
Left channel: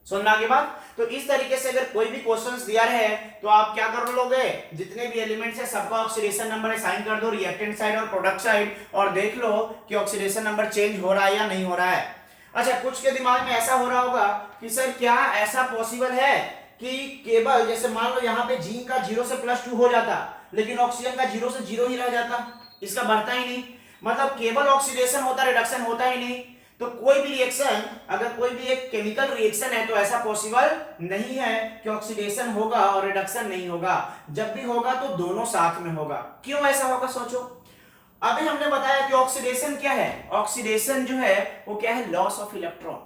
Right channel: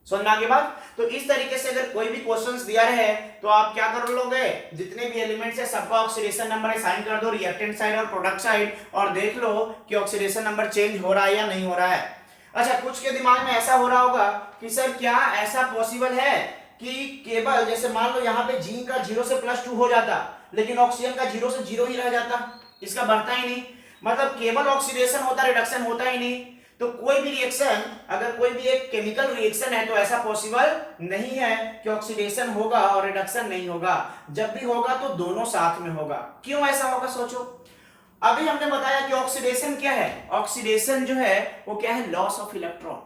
सुनना के बाद तो इस तरीके से अगर कोई भी क्वेश्चंस दिया रहे तो आप क्या कर लोगे, जितने भी एलिमेंट्स है सबका ऑक्सीडेशन नंबर असाइन कर दो रिएक्टेंट साइड और प्रोडक्ट साइड, और देख लो कि ऑक्सीडेशन नंबर चेंज हो रहा है या नहीं हो रहा है। अच्छा कुछ के दिमाग में ऐसा हो रहा होगा कि सर क्या ऐसा पॉसिबल है कि केवल जैसे मान लो यहाँ पे जिंक का 0 से +2 हो जाता, लेकिन ऑक्सीजन का 0 से 0 ही रह जाता, इसका बढ़ता ही नहीं, मतलब केवल ऑक्सीडेशन होता, रिडक्शन होता ही नहीं। तो कोई भी रिएक्शन, अगर कोई भी एक केमिकल रिएक्शन है तो ऐसा पॉसिबल नहीं है कि ऑक्सीडेशन होगा और रिडक्शन नहीं होगा, जब भी होगा तो दोनों साथ में होगा। क्यों ऐसा होगा सोचो। अभी हमने बताया कि ऑक्सीडेशन क्या है, ऑक्सीडेशन जो है वो क्या है लॉस ऑफ इलेक्ट्रॉन।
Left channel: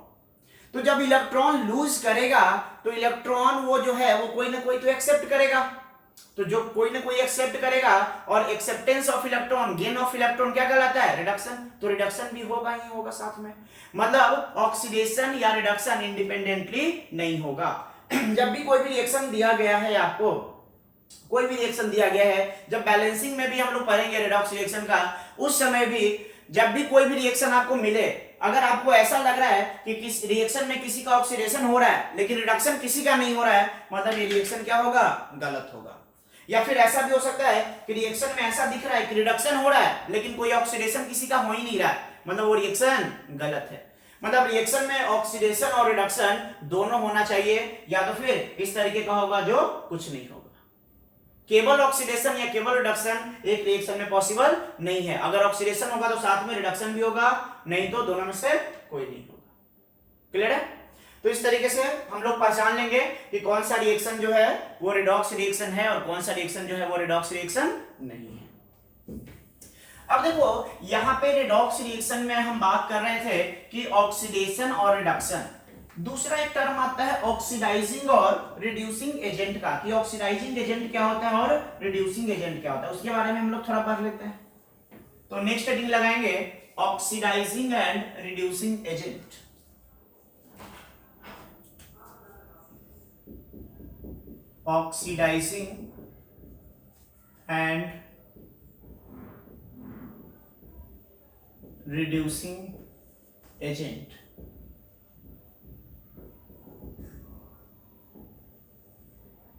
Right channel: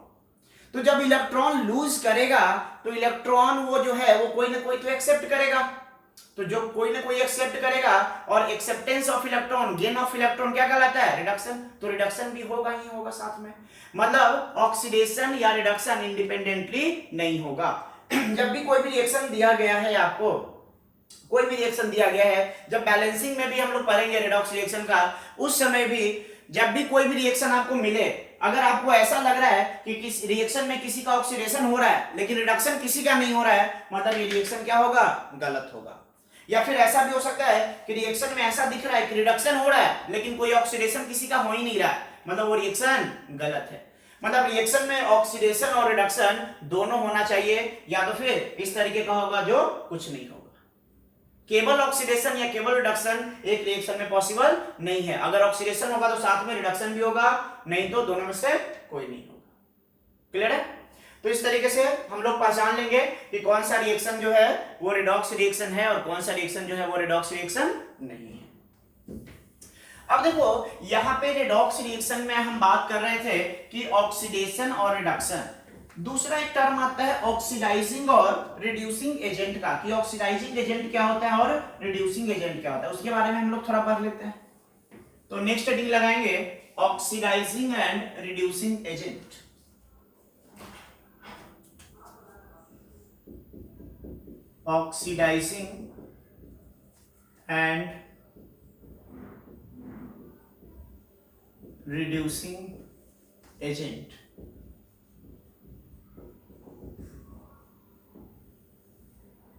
तो जब इलेक्ट्रॉन लूज करेगा तो इलेक्ट्रॉन वो जो है वो कोई ना कोई तो एक्सेप्ट करेगा, तो जो कोई ना कोई एक्सेप्ट करेगा, और acceptance of electron, gain of electron क्या कहलाता है? रिडक्शन। तो रिडक्शन भी होगा ही होगा साथ में, मतलब ऑक्सीडेशन या रिडक्शन इंडिपेंडेंटली नहीं होगा। जब भी कोई भी रिएक्शन दिया गया है आपको, कोई भी रिएक्शन दिया गया है, जब बैलेंसिंग में भी हम लोग पढ़ेंगे रिडॉक्स रिएक्शन का, उस समय भी जब भी कोई भी रिएक्शन आपको मिले, अगर आपको ऐसा लग रहा है कि किस रिएक्शन में किसी का ऑक्सीडेशन हो रहा है लेकिन रिडक्शन किसी का नहीं हो रहा है, मतलब ये रिएक्शन क्या होगा? गलत होगा। या फिर ऐसा भी हो सकता है कि रिएक्शन में ऐसा दिख रहा है कि रिडक्शन हो रहा है लेकिन कोई ऑक्सीडेशन किसी का हो ही नहीं रहा है, मतलब वो रिएक्शन गलत है। मतलब रिएक्शन में ऑक्सीडेशन और रिडक्शन दोनों होना चाहिए, या तो फिर इस तरीके का होगा जो कुछ नहीं होगा। केवल ऑक्सीडेशन या केवल रिडक्शन एक रिएक्शन में पॉसिबल नहीं है। अगर ऑक्सीडेशन होगा तो साथ में रिडक्शन भी होगा, नहीं तो दोनों में से कोई नहीं होगा। क्लियर है? तो इस तरीके से हम लोग पहचान लेंगे कि कौन सा रिएक्शन जो है वो रिडॉक्स रिएक्शन है और कौन सा रिएक्शन जो है वो रिडॉक्स रिएक्शन नहीं है। अब देखो यहां पे रिडॉक्स रिएक्शन में हम बात कर रहे थे कि ऑक्सीडेशन और रिडक्शन। दूसरा एक टर्म आता है ऑक्सीडाइजिंग और रिड्यूसिंग एजेंट का, कि ऑक्सीडाइजिंग एजेंट क्या होता है और रिड्यूसिंग एजेंट क्या होता है, उसके बारे में हम लोग थोड़ा पढ़ लेते हैं। तो नेक्स्ट हेडिंग लगाएंगे oxidising and reducing agent. Oxidising and reducing agent.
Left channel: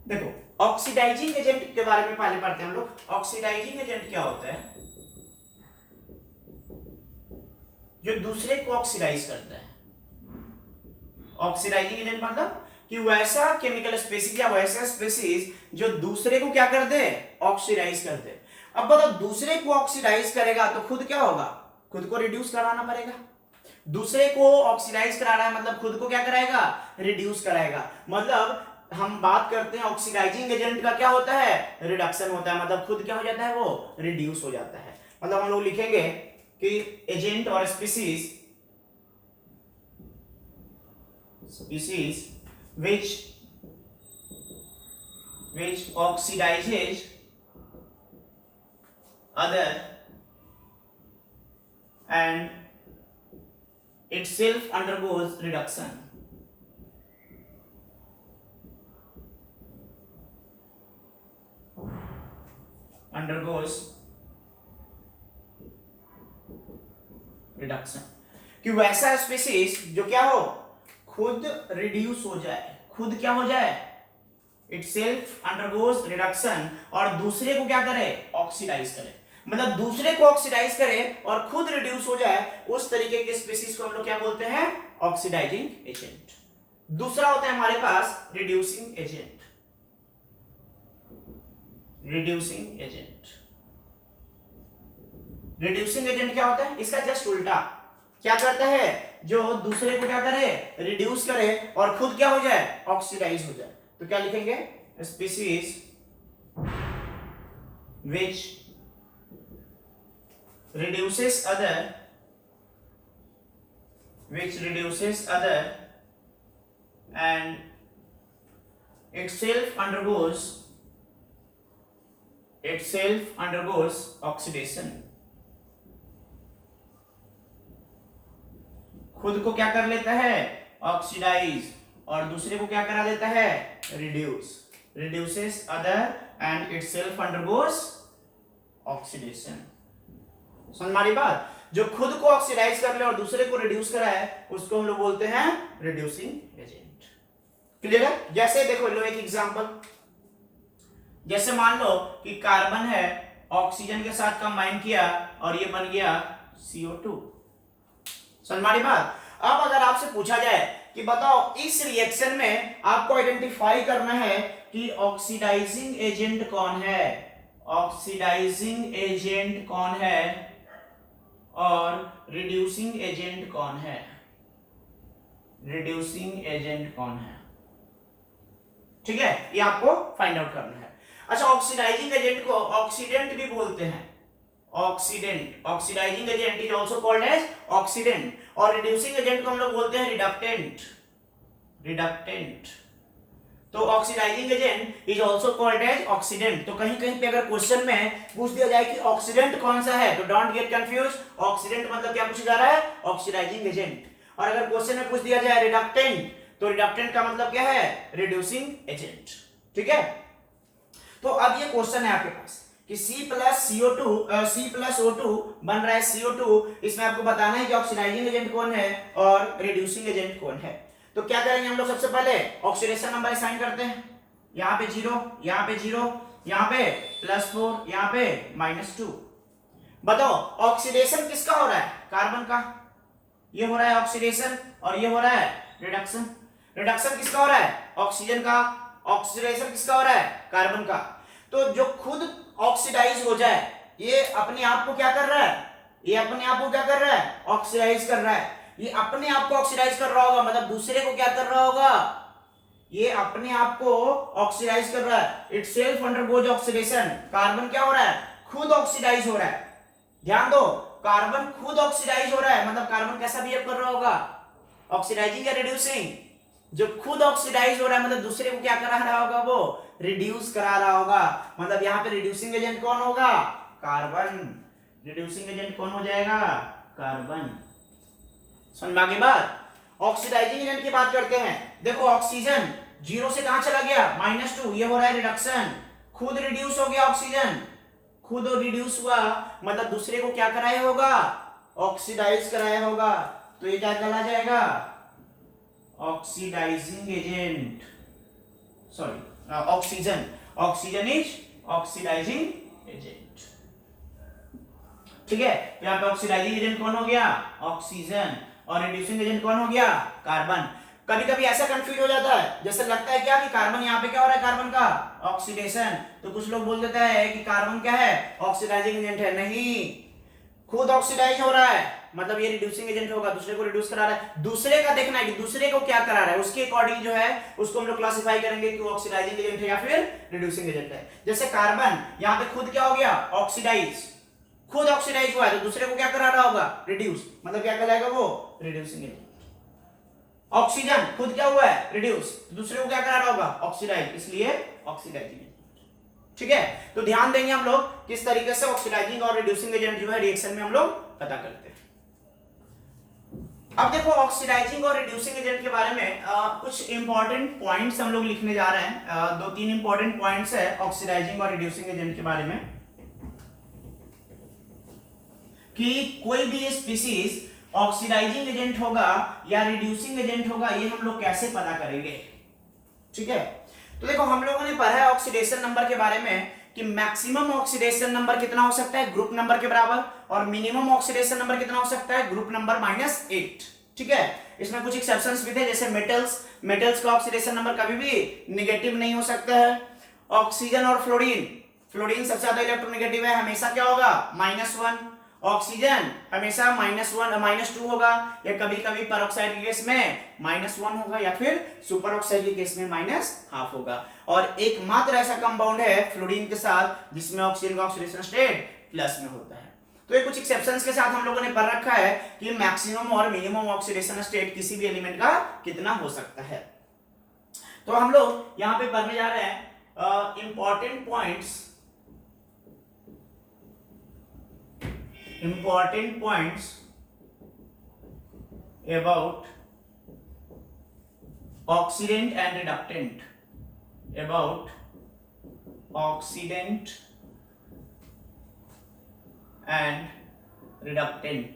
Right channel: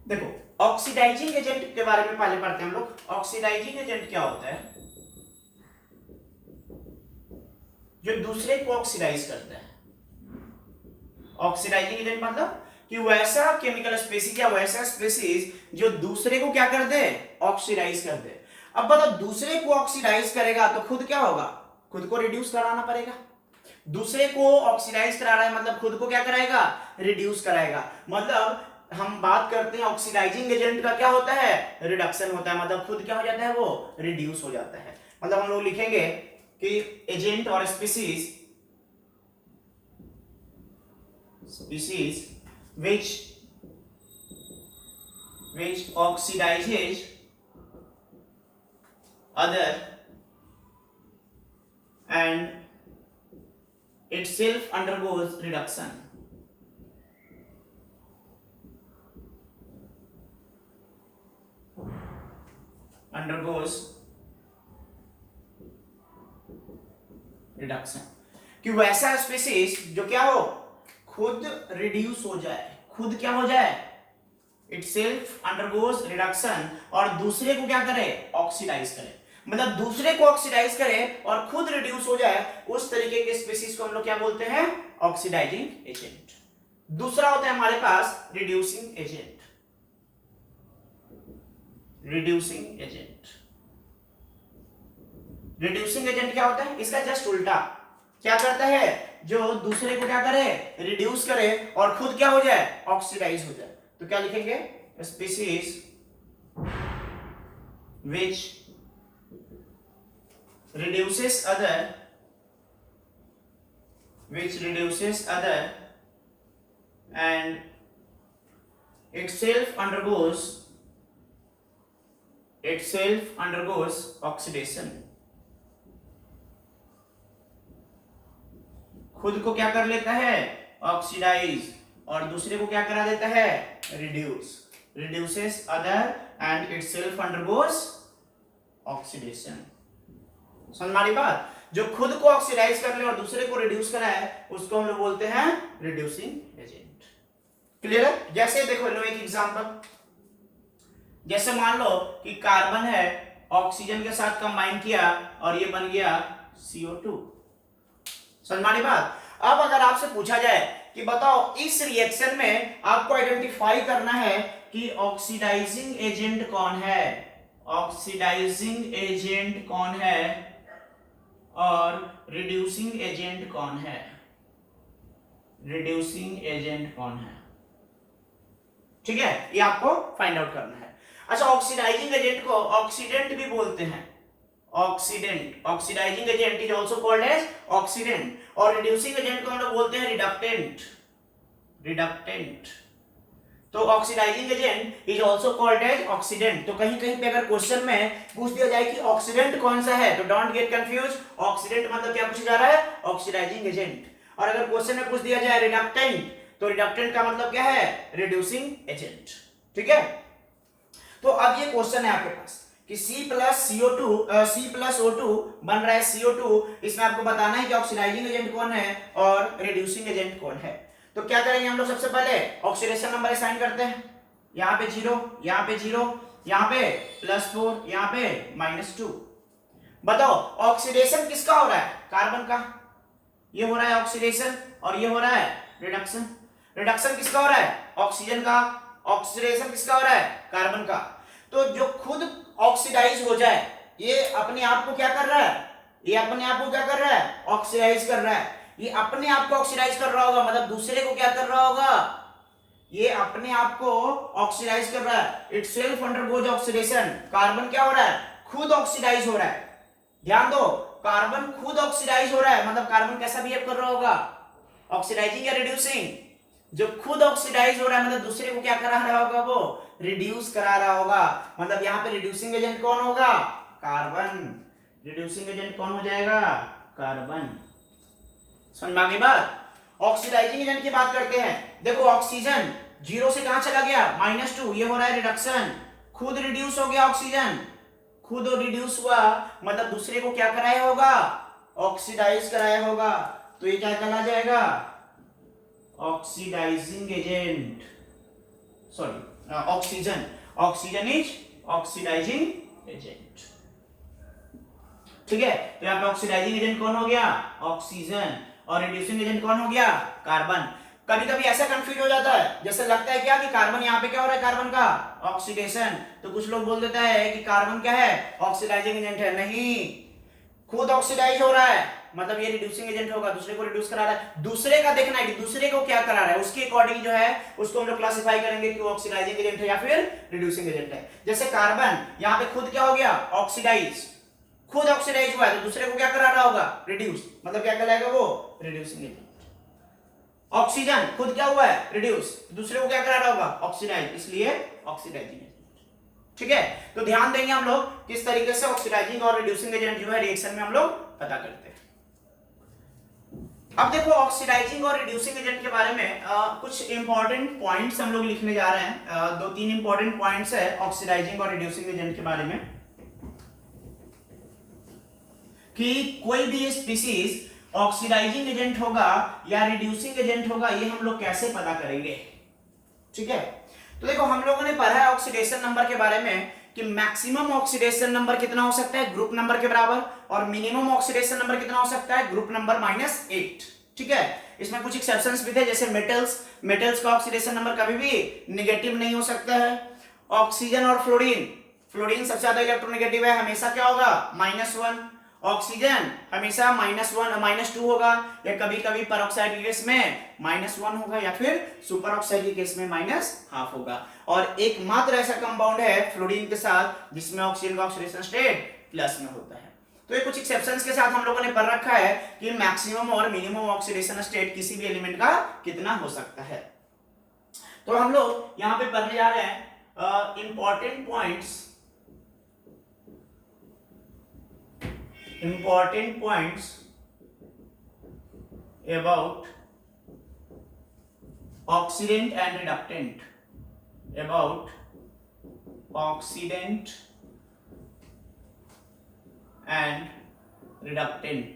देखो ऑक्सीडाइजिंग एजेंट के बारे में पहले पढ़ते हैं हम लोग। ऑक्सीडाइजिंग एजेंट क्या होता है? जो दूसरे को ऑक्सीडाइज करता है। ऑक्सीडाइजिंग एजेंट मतलब कि वैसा केमिकल स्पीसीज या वैसा स्पीसीज जो दूसरे को क्या कर दे? ऑक्सीडाइज कर दे। अब बताओ दूसरे को ऑक्सीडाइज करेगा तो खुद क्या होगा? खुद को रिड्यूस कराना पड़ेगा। दूसरे को ऑक्सीडाइज करा रहा है मतलब खुद को क्या कराएगा? रिड्यूस कराएगा। मतलब हम बात करते हैं ऑक्सीडाइजिंग एजेंट का क्या होता है? रिडक्शन होता है, मतलब खुद क्या हो जाता है? वो रिड्यूस हो जाता है। मतलब हम लोग लिखेंगे कि एजेंट और species which oxidizes other and itself undergoes reduction। undergoes reduction कि वैसा स्पीसीज जो क्या हो? खुद रिड्यूस हो जाए, खुद क्या हो जाए? itself undergoes reduction, और दूसरे को क्या करे? ऑक्सीडाइज करे। मतलब दूसरे को ऑक्सीडाइज करे और खुद रिड्यूस हो जाए, उस तरीके के स्पीसीज को हम लोग क्या बोलते हैं? Oxidising agent. दूसरा होता है हमारे पास reducing agent. Reducing agent, reducing agent क्या होता है? इसका जस्ट उल्टा। क्या करता है? जो दूसरे को क्या करे? रिड्यूस करे और खुद क्या हो जाए? ऑक्सीडाइज हो जाए। तो क्या लिखेंगे? Species which reduces other and itself undergoes oxidation। खुद को क्या कर लेता है? ऑक्सीडाइज, और दूसरे को क्या करा देता है? Reduce. reduces other and itself undergoes oxidation। समझ में आ रही बात? जो खुद को ऑक्सीडाइज कर ले और दूसरे को रिड्यूस कराए उसको हम लोग बोलते हैं रिड्यूसिंग एजेंट। क्लियर है? जैसे देखो लो एक एग्जांपल, जैसे मान लो कि कार्बन है, ऑक्सीजन के साथ कंबाइन किया और ये बन गया CO2। समझ में आ रही बात? अब अगर आपसे पूछा जाए कि बताओ इस रिएक्शन में आपको आइडेंटिफाई करना है कि ऑक्सीडाइजिंग एजेंट कौन है, ऑक्सीडाइजिंग एजेंट कौन है और रिड्यूसिंग एजेंट कौन है, रिड्यूसिंग एजेंट कौन है। ठीक है, ये आपको फाइंड आउट करना है। अच्छा, ऑक्सीडाइजिंग एजेंट को ऑक्सीडेंट भी बोलते हैं। Oxidant, oxidising agent is also called as oxidant, और रिड्यूसिंग एजेंट को हम लोग बोलते हैं रिडक्टेंट। रिडक्टेंट। तो oxidising agent is also called as oxidant. तो कहीं कहीं पे अगर क्वेश्चन में पूछ दिया जाए कि ऑक्सीडेंट कौन सा है, तो डोंट गेट कंफ्यूज, ऑक्सीडेंट मतलब क्या पूछा जा रहा है, ऑक्सीडाइजिंग एजेंट। और अगर क्वेश्चन में पूछ दिया जाए रिडक्टेंट, तो रिडक्टेंट का मतलब क्या है, रिड्यूसिंग एजेंट। ठीक है, तो अब ये क्वेश्चन है आपके पास कि C प्लस O2 बन रहा है CO2, इसमें आपको बताना है कि ऑक्सीडाइजिंग एजेंट कौन है और रिड्यूसिंग एजेंट कौन है। तो क्या करेंगे हम लोग, सबसे पहले ऑक्सीडेशन नंबर असाइन करते हैं, यहाँ पे 0, यहाँ पे 0, यहाँ पे +4, यहाँ पे -2। बताओ ऑक्सीडेशन किसका हो रहा है, कार्बन का, ये हो रहा है ऑक्सीडेशन, और ये हो रहा है रिडक्शन। रिडक्शन किसका हो रहा है, ऑक्सीजन का, ऑक्सीडेशन किसका हो रहा है, कार्बन का। तो जो खुद ऑक्सीडाइज हो जाए, ये अपने आप को क्या कर रहा है, ये अपने आप को क्या कर रहा है, ऑक्सीडाइज कर रहा है। ये अपने आप को ऑक्सीडाइज कर रहा होगा, मतलब दूसरे को क्या कर रहा होगा, ये अपने आप को ऑक्सीडाइज कर रहा है, इटसेल्फ अंडरगोज ऑक्सीडेशन। कार्बन क्या हो रहा है, खुद ऑक्सीडाइज हो रहा है। ध्यान दो, कार्बन खुद ऑक्सीडाइज हो रहा है, मतलब कार्बन कैसा बिहेव कर रहा होगा, ऑक्सीडाइजिंग या रिड्यूसिंग। जो खुद ऑक्सीडाइज हो रहा है मतलब दूसरे को क्या करा रहा होगा, वो रिड्यूस करा रहा होगा। मतलब यहाँ पे रिड्यूसिंग एजेंट कौन होगा, कार्बन। रिड्यूसिंग एजेंट कौन हो जाएगा, कार्बन। समझ में आ गई बात। ऑक्सीडाइजिंग एजेंट की बात करते हैं। देखो ऑक्सीजन 0 से कहां चला गया, -2, ये हो रहा है रिडक्शन। खुद रिड्यूस हो गया ऑक्सीजन, खुद रिड्यूस हुआ, मतलब दूसरे को क्या कराया होगा, ऑक्सीडाइज कराया होगा। तो ये क्या चला जाएगा, oxidising agent, sorry oxygen. Oxygen is oxidising agent. ठीक है, तो यहाँ पे ऑक्सीडाइजिंग एजेंट कौन हो गया, ऑक्सीजन, और रिड्यूसिंग एजेंट कौन हो गया, कार्बन। कभी कभी ऐसा कंफ्यूज हो जाता है, जैसे लगता है क्या कि कार्बन यहाँ पे क्या हो रहा है, कार्बन का ऑक्सीडेशन। तो कुछ लोग बोल देता है कि कार्बन क्या है, ऑक्सीडाइजिंग एजेंट है। नहीं, खुद ऑक्सीडाइज हो रहा है, मतलब ये रिड्यूसिंग एजेंट होगा, दूसरे को रिड्यूस करा रहा है। दूसरे का देखना है कि दूसरे को क्या करा रहा है, उसके अकॉर्डिंग जो है उसको हम लोग क्लासिफाई करेंगे कि ऑक्सीडाइजिंग एजेंट है या फिर रिड्यूसिंग एजेंट है। जैसे कार्बन यहाँ पे खुद क्या हो गया, ऑक्सीडाइज, खुद ऑक्सीडाइज हुआ है, तो दूसरे को क्या करा रहा होगा, रिड्यूस, मतलब क्या कहलाएगा वो, रिड्यूसिंग एजेंट। ऑक्सीजन खुद क्या हुआ है, रिड्यूस, दूसरे को क्या करा रहा होगा, ऑक्सीडाइज, इसलिए ऑक्सीडाइजिंग एजेंट। ठीक है, तो ध्यान देंगे हम लोग किस तरीके से ऑक्सीडाइजिंग और रिड्यूसिंग एजेंट जो है रिएक्शन में हम लोग पता करते हैं। अब देखो ऑक्सीडाइजिंग और रिड्यूसिंग एजेंट के बारे में कुछ इंपॉर्टेंट पॉइंट्स हम लोग लिखने जा रहे हैं। 2-3 इंपॉर्टेंट पॉइंट्स है ऑक्सीडाइजिंग और रिड्यूसिंग एजेंट के बारे में, कि कोई भी स्पीसीज ऑक्सीडाइजिंग एजेंट होगा या रिड्यूसिंग एजेंट होगा, ये हम लोग कैसे पता करेंगे। ठीक है, तो देखो हम लोगों ने पढ़ा है ऑक्सीडेशन नंबर के बारे में कि मैक्सिमम ऑक्सीडेशन नंबर कितना हो सकता है, ग्रुप नंबर के बराबर, और मिनिमम ऑक्सीडेशन नंबर कितना हो सकता है, ग्रुप नंबर -8। ठीक है, इसमें कुछ एक्सेप्शंस भी थे, जैसे मेटल्स का ऑक्सीडेशन नंबर कभी भी नेगेटिव नहीं हो सकता है। ऑक्सीजन और फ्लोरीन सबसे ज्यादा इलेक्ट्रोनेगेटिव है, हमेशा क्या होगा, -1। ऑक्सीजन हमेशा -1 -2 होगा, या कभी कभी परऑक्साइड के केस में -1 होगा, या फिर सुपर ऑक्साइड के केस में -½ होगा। और एकमात्र ऐसा कंपाउंड है फ्लोरीन के साथ जिसमें ऑक्सीजन का ऑक्सीडेशन स्टेट प्लस में होता है। तो ये कुछ एक्सेप्शंस के साथ हम लोगों ने पढ़ रखा है कि मैक्सिमम और मिनिमम ऑक्सीडेशन स्टेट किसी भी एलिमेंट का कितना हो सकता है। तो हम लोग यहाँ पे पढ़ने जा रहे हैं important points about oxidant and reductant, about oxidant and reductant।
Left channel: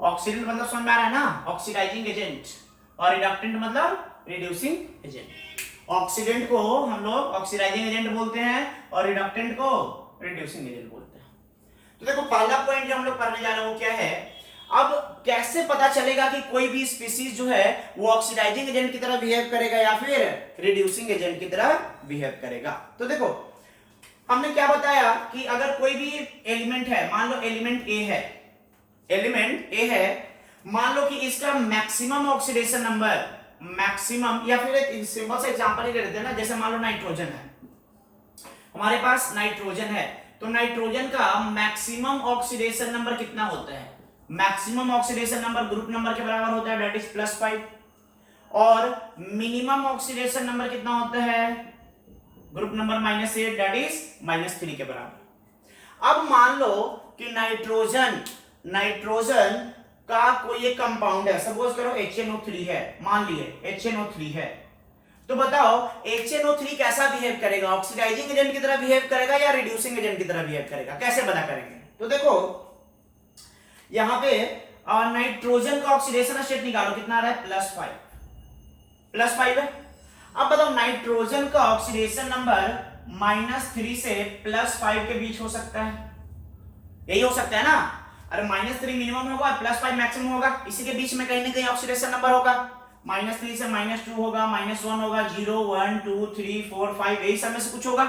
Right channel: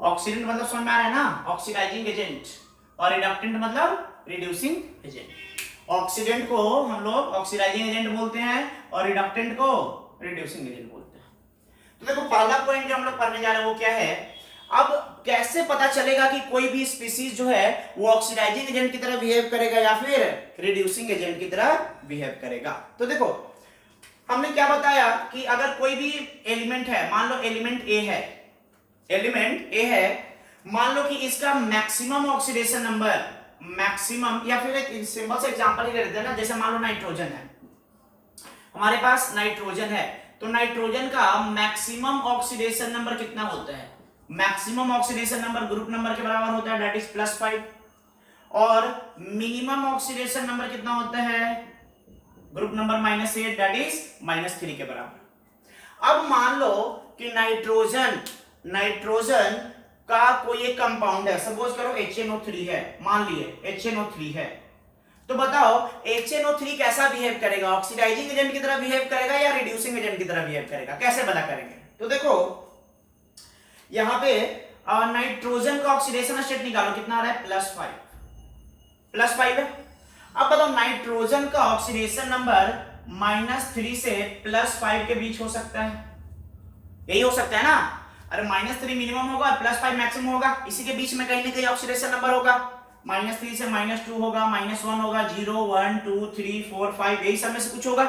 Oxidant मतलब समझ में आ रहा है ना, ऑक्सीडाइजिंग एजेंट, और रिडक्टेंट मतलब रिड्यूसिंग एजेंट। ऑक्सीडेंट को हम लोग ऑक्सीडाइजिंग एजेंट बोलते हैं और रिडक्टेंट को रिड्यूसिंग एजेंट बोलते हैं। तो देखो पहला पॉइंट जो हम लोग पढ़ने जा रहे हैं वो क्या है, अब कैसे पता चलेगा कि कोई भी स्पीसीज जो है वो ऑक्सीडाइजिंग एजेंट की तरह बिहेव करेगा या फिर रिड्यूसिंग एजेंट की तरह बिहेव करेगा। तो देखो हमने क्या बताया कि अगर कोई भी एलिमेंट है, मान लो एलिमेंट ए है, मान लो कि इसका मैक्सिमम ऑक्सीडेशन नंबर, मैक्सिमम, या फिर एक सिंपल सा एग्जांपल ही ले लेते हैं ना, जैसे मान लो नाइट्रोजन है, हमारे पास नाइट्रोजन है, तो नाइट्रोजन का मैक्सिमम ऑक्सीडेशन नंबर कितना होता है, maximum oxidation number group number के बराबर होता है, दैट इज +5। और मिनिमम ऑक्सीडेशन नंबर कितना होता है ग्रुप नंबर -8 दैट इज -3 के बराबर। अब मान लो कि नाइट्रोजन का कोई एक कंपाउंड है, सपोज करो HNO3 है, मान लिए HNO3 है, तो बताओ HNO3 कैसा बिहेव करेगा, ऑक्सीडाइजिंग एजेंट की तरह बिहेव करेगा या रिड्यूसिंग एजेंट की तरह बिहेव करेगा, कैसे पता करेंगे? तो देखो यहां पे नाइट्रोजन का ऑक्सीडेशन स्टेट निकालो, कितना आ रहा है +5 है। अब बताओ नाइट्रोजन का ऑक्सीडेशन नंबर -3 से +5 के बीच हो सकता है, यही हो सकता है ना? अरे -3 मिनिमम होगा और +5 मैक्सिमम होगा, इसी के बीच में कहीं ना कहीं ऑक्सीडेशन नंबर होगा। -3 से -2 होगा, -1 होगा, 0 1 2 3 4 5 यही सब में से कुछ होगा।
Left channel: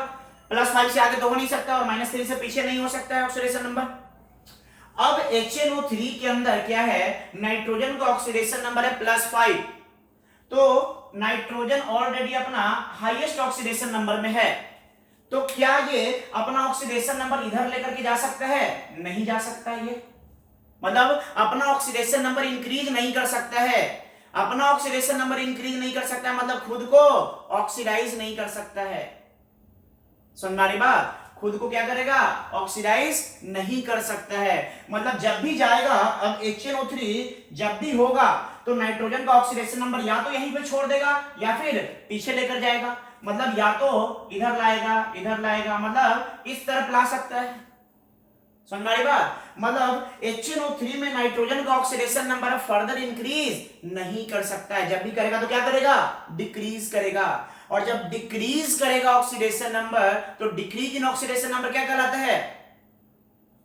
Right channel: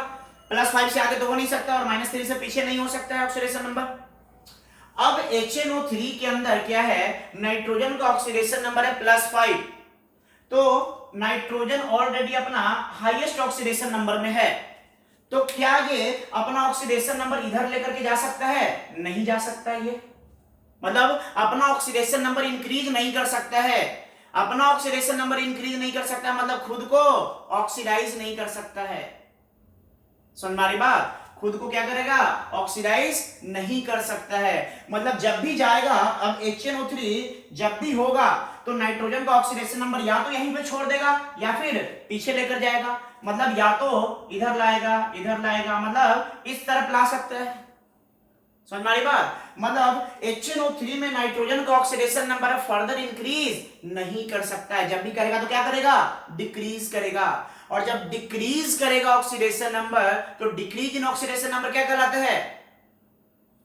+5 से आगे तो हो नहीं सकता और -3 से पीछे नहीं हो सकता है ऑक्सीडेशन नंबर। अब HNO3 के अंदर क्या है, नाइट्रोजन का ऑक्सीडेशन नंबर है +5, तो नाइट्रोजन ऑलरेडी अपना हाईएस्ट ऑक्सीडेशन नंबर में है, तो क्या ये अपना ऑक्सीडेशन नंबर इधर लेकर के जा सकता है? नहीं जा सकता है। ये मतलब अपना ऑक्सीडेशन नंबर इंक्रीज नहीं कर सकता है, अपना ऑक्सीडेशन नंबर इंक्रीज नहीं कर सकता, मतलब खुद को ऑक्सीडाइज नहीं कर सकता है। सुन मारी बात, खुद को क्या करेगा? ऑक्सीडाइज नहीं कर सकता है। मतलब जब भी जाएगा, अब HNO3 जब भी होगा तो नाइट्रोजन का ऑक्सीडेशन नंबर या तो यहीं पे छोड़ देगा या फिर पीछे लेकर जाएगा, मतलब या तो इधर लाएगा, मतलब इस तरफ ला सकता है। समझ में आई बात? मतलब HNO3 में नाइट्रोजन का ऑक्सीडेशन नंबर फर्दर इंक्रीज नहीं कर सकता है, जब भी करेगा तो क्या करेगा? डिक्रीज करेगा, और जब डिक्रीज करेगा ऑक्सीडेशन नंबर तो डिक्रीज इन ऑक्सीडेशन नंबर क्या कहलाता है?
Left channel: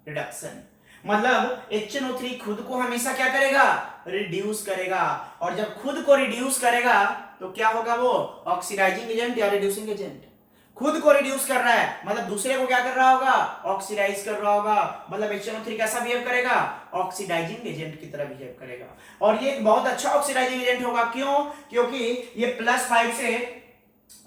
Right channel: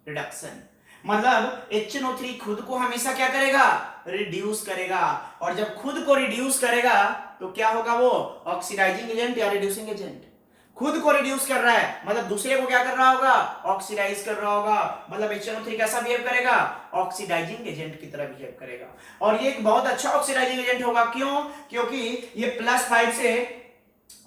रिडक्शन। मतलब HNO3 खुद को हमेशा क्या करेगा? रिड्यूस करेगा, और जब खुद को रिड्यूस करेगा तो क्या होगा? वो ऑक्सीडाइजिंग एजेंट या रिड्यूसिंग एजेंट। खुद को रिड्यूस कर रहा है मतलब दूसरे को क्या कर रहा होगा? ऑक्सीडाइज कर रहा होगा, मतलब HNO3 कैसा बिहेव करेगा? ऑक्सीडाइजिंग एजेंट की तरह बिहेव करेगा, और ये एक बहुत अच्छा ऑक्सीडाइजिंग एजेंट होगा। क्यों? क्योंकि ये +5 से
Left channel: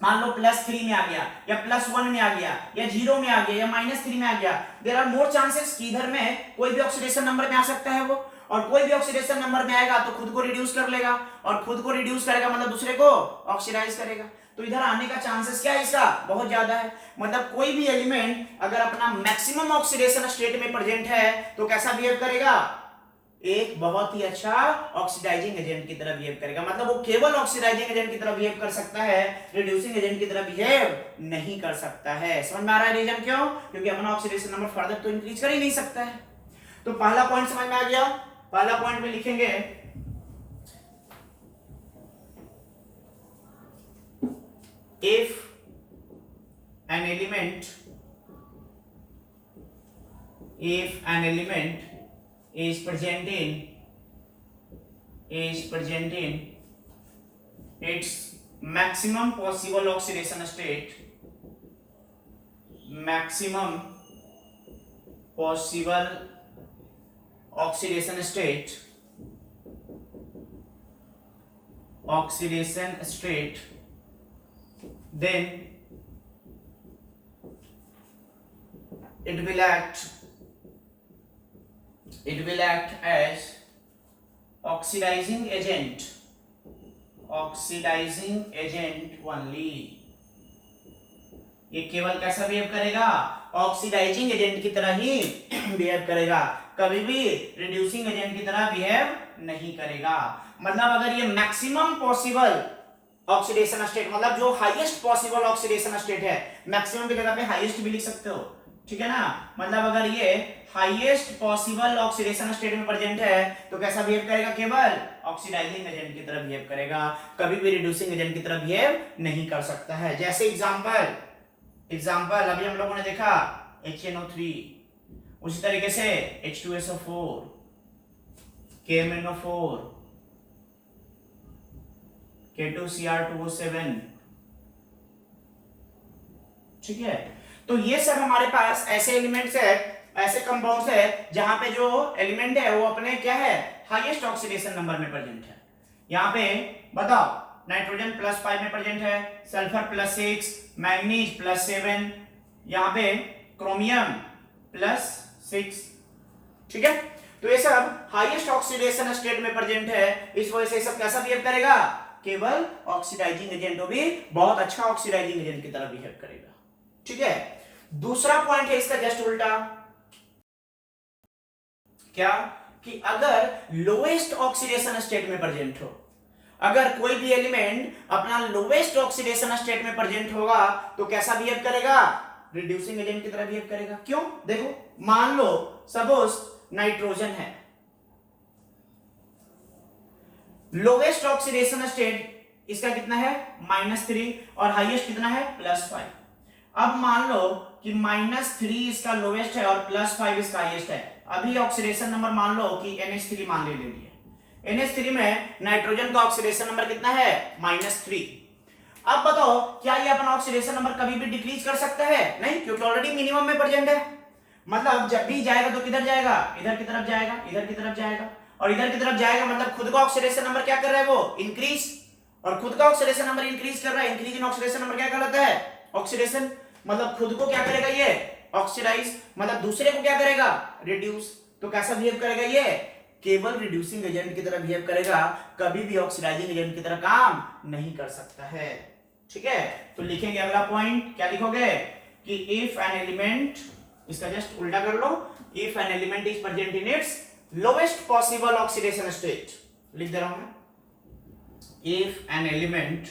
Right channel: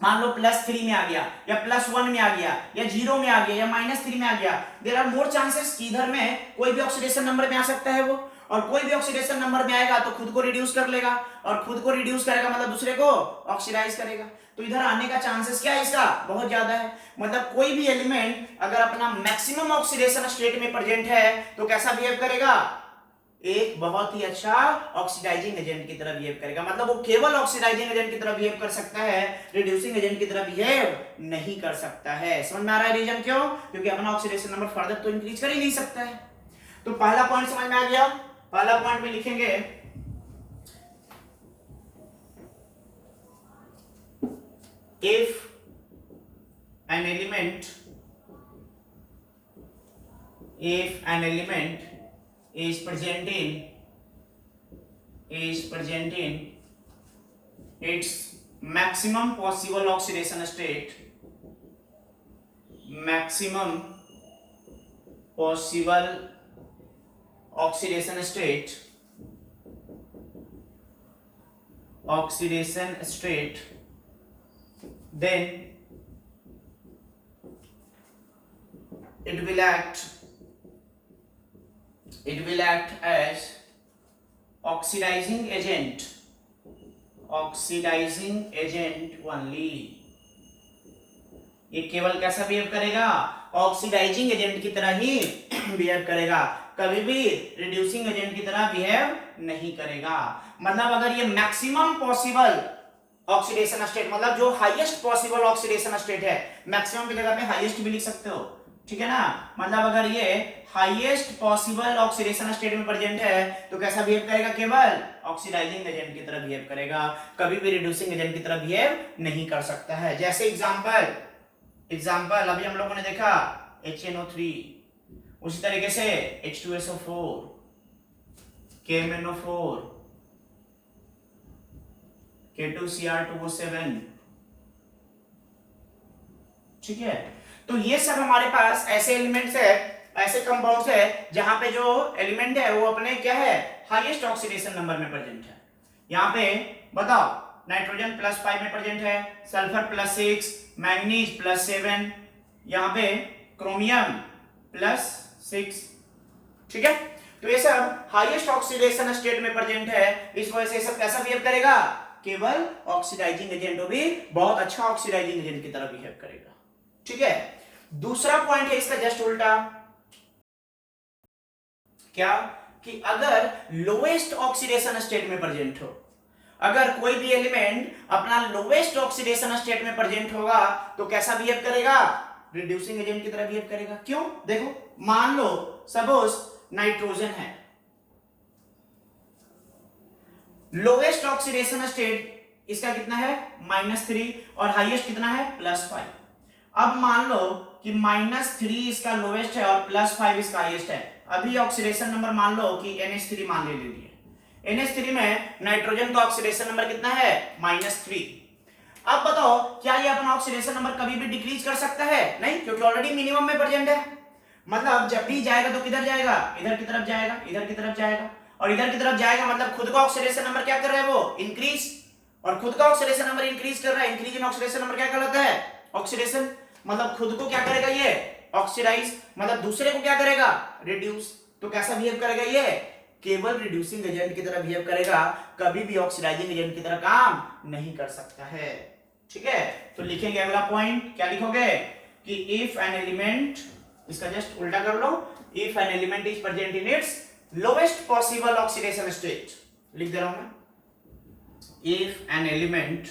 मान लो +3 में आ गया, या +1 में आ गया, या 0 में आ गया, या -3 में आ गया, देयर आर मोर चांसेस कि इधर में कोई भी ऑक्सीडेशन नंबर में आ सकता है वो, और कोई भी ऑक्सीडेशन नंबर में आएगा तो खुद को रिड्यूस कर लेगा, और खुद को रिड्यूस करेगा मतलब दूसरे को ऑक्सीडाइज करेगा, तो इधर आने का चांसेस क्या है? इसका बहुत ज्यादा है। मतलब कोई भी एलिमेंट अगर अपना मैक्सिमम ऑक्सीडेशन स्टेट में प्रेजेंट है तो कैसा बिहेव करेगा? एक बहुत ही अच्छा ऑक्सीडाइजिंग एजेंट की तरह बिहेव करेगा। मतलब वो केवल ऑक्सीडाइजिंग एजेंट की तरह बिहेव कर सकता है, रिड्यूसिंग एजेंट की तरह बिहेव नहीं कर सकता है। समझ में आ रहा है रीजन क्यों? क्योंकि अपना ऑक्सीडेशन नंबर फर्दर तो इंक्रीज कर ही नहीं सकता है। तो पहला पॉइंट समझ में आ गया। पहला पॉइंट में लिखेंगे if an element is present in its maximum possible oxidation state, then it will act as oxidizing agent only। ये केवल कैसा बिहेव करेगा? ऑक्सीडाइजिंग एजेंट की तरह ही बिहेव करेगा, कभी भी रिड्यूसिंग एजेंट की तरह बिहेव नहीं करेगा। मतलब अगर ये मैक्सिमम पॉसिबल ऑक्सीडेशन स्टेट, मतलब जो हाईएस्ट पॉसिबल ऑक्सीडेशन स्टेट है, मैक्सिमम की जगह पे हाईएस्ट भी लिख सकते हो, ठीक है ना? मतलब अगर ये हाईएस्ट पॉसिबल ऑक्सीडेशन स्टेट में प्रेजेंट है तो कैसा बिहेव करेगा? केवल ऑक्सीडाइजिंग एजेंट की तरह बिहेव करेगा, कभी भी रिड्यूसिंग एजेंट की तरह बिहेव नहीं कर सकता है। जैसे एग्जांपल अभी हम लोगों ने देखा HNO3, उसी तरीके से H2SO4, KMNO4, K2Cr2O7, ठीक है? तो ये सब हमारे पास ऐसे एलिमेंट्स है, ऐसे कंपाउंड्स है जहां पे जो एलिमेंट है वो अपने क्या है? हाईएस्ट ऑक्सीडेशन नंबर में प्रेजेंट है। यहाँ पे बताओ नाइट्रोजन +5 में प्रेजेंट है, सल्फर +6, मैंगनीज +7, यहाँ पे क्रोमियम +6, ठीक है? तो ये सब हाईएस्ट ऑक्सीडेशन स्टेट में प्रेजेंट है, इस वजह से सब कैसा बिहेव करेगा? केवल ऑक्सीडाइजिंग एजेंट, भी बहुत अच्छा ऑक्सीडाइजिंग एजेंट की तरह बिहेव करेगा। ठीक है, दूसरा पॉइंट है इसका जस्ट उल्टा, क्या कि अगर लोएस्ट ऑक्सीडेशन स्टेट में प्रेजेंट हो, अगर कोई भी एलिमेंट अपना लोएस्ट ऑक्सीडेशन स्टेट में प्रेजेंट होगा तो कैसा बिहेव करेगा, रिड्यूसिंग एजेंट की तरह बिहेव करेगा। क्यों, देखो मान लो सपोज नाइट्रोजन है, लोवेस्ट ऑक्सीडेशन स्टेट इसका कितना है -3 और हाईएस्ट कितना है +5। अब मान लो कि -3 इसका लोवेस्ट है और +5 इसका हाईएस्ट है। अभी ऑक्सीडेशन नंबर मान लो कि NH3 मान ले लिए, NH3 में नाइट्रोजन का ऑक्सीडेशन नंबर कितना है -3। अब बताओ क्या ये अपना ऑक्सीडेशन नंबर कभी भी डिक्रीज कर सकता है, नहीं, क्योंकि ऑलरेडी मिनिमम में प्रेजेंट है। मतलब जब भी जाएगा तो किधर जाएगा, इधर की तरफ जाएगा, इधर की तरफ जाएगा, और इधर की तरफ जाएगा मतलब खुद का ऑक्सीडेशन नंबर क्या कर रहा है वो इंक्रीज, और खुद का ऑक्सीडेशन नंबर इंक्रीज कर रहा है। इंक्रीज इन ऑक्सीडेशन नंबर क्या कहलाता है, ऑक्सीडेशन। मतलब खुद को क्या करेगा ये ऑक्सीडाइज, मतलब दूसरे को क्या करेगा रिड्यूस। तो कैसा बिहेव करेगा ये, केवल रिड्यूसिंग एजेंट की तरह बिहेव करेगा, कभी भी ऑक्सीडाइजिंग एजेंट की तरह काम नहीं कर सकता है। ठीक है, तो लिखेंगे अगला पॉइंट, क्या लिखोगे कि इफ एन एलिमेंट, इसका जस्ट उल्टा कर लो, if an element is present in its lowest possible oxidation state, लिख दे रहा हूं मैं, if an element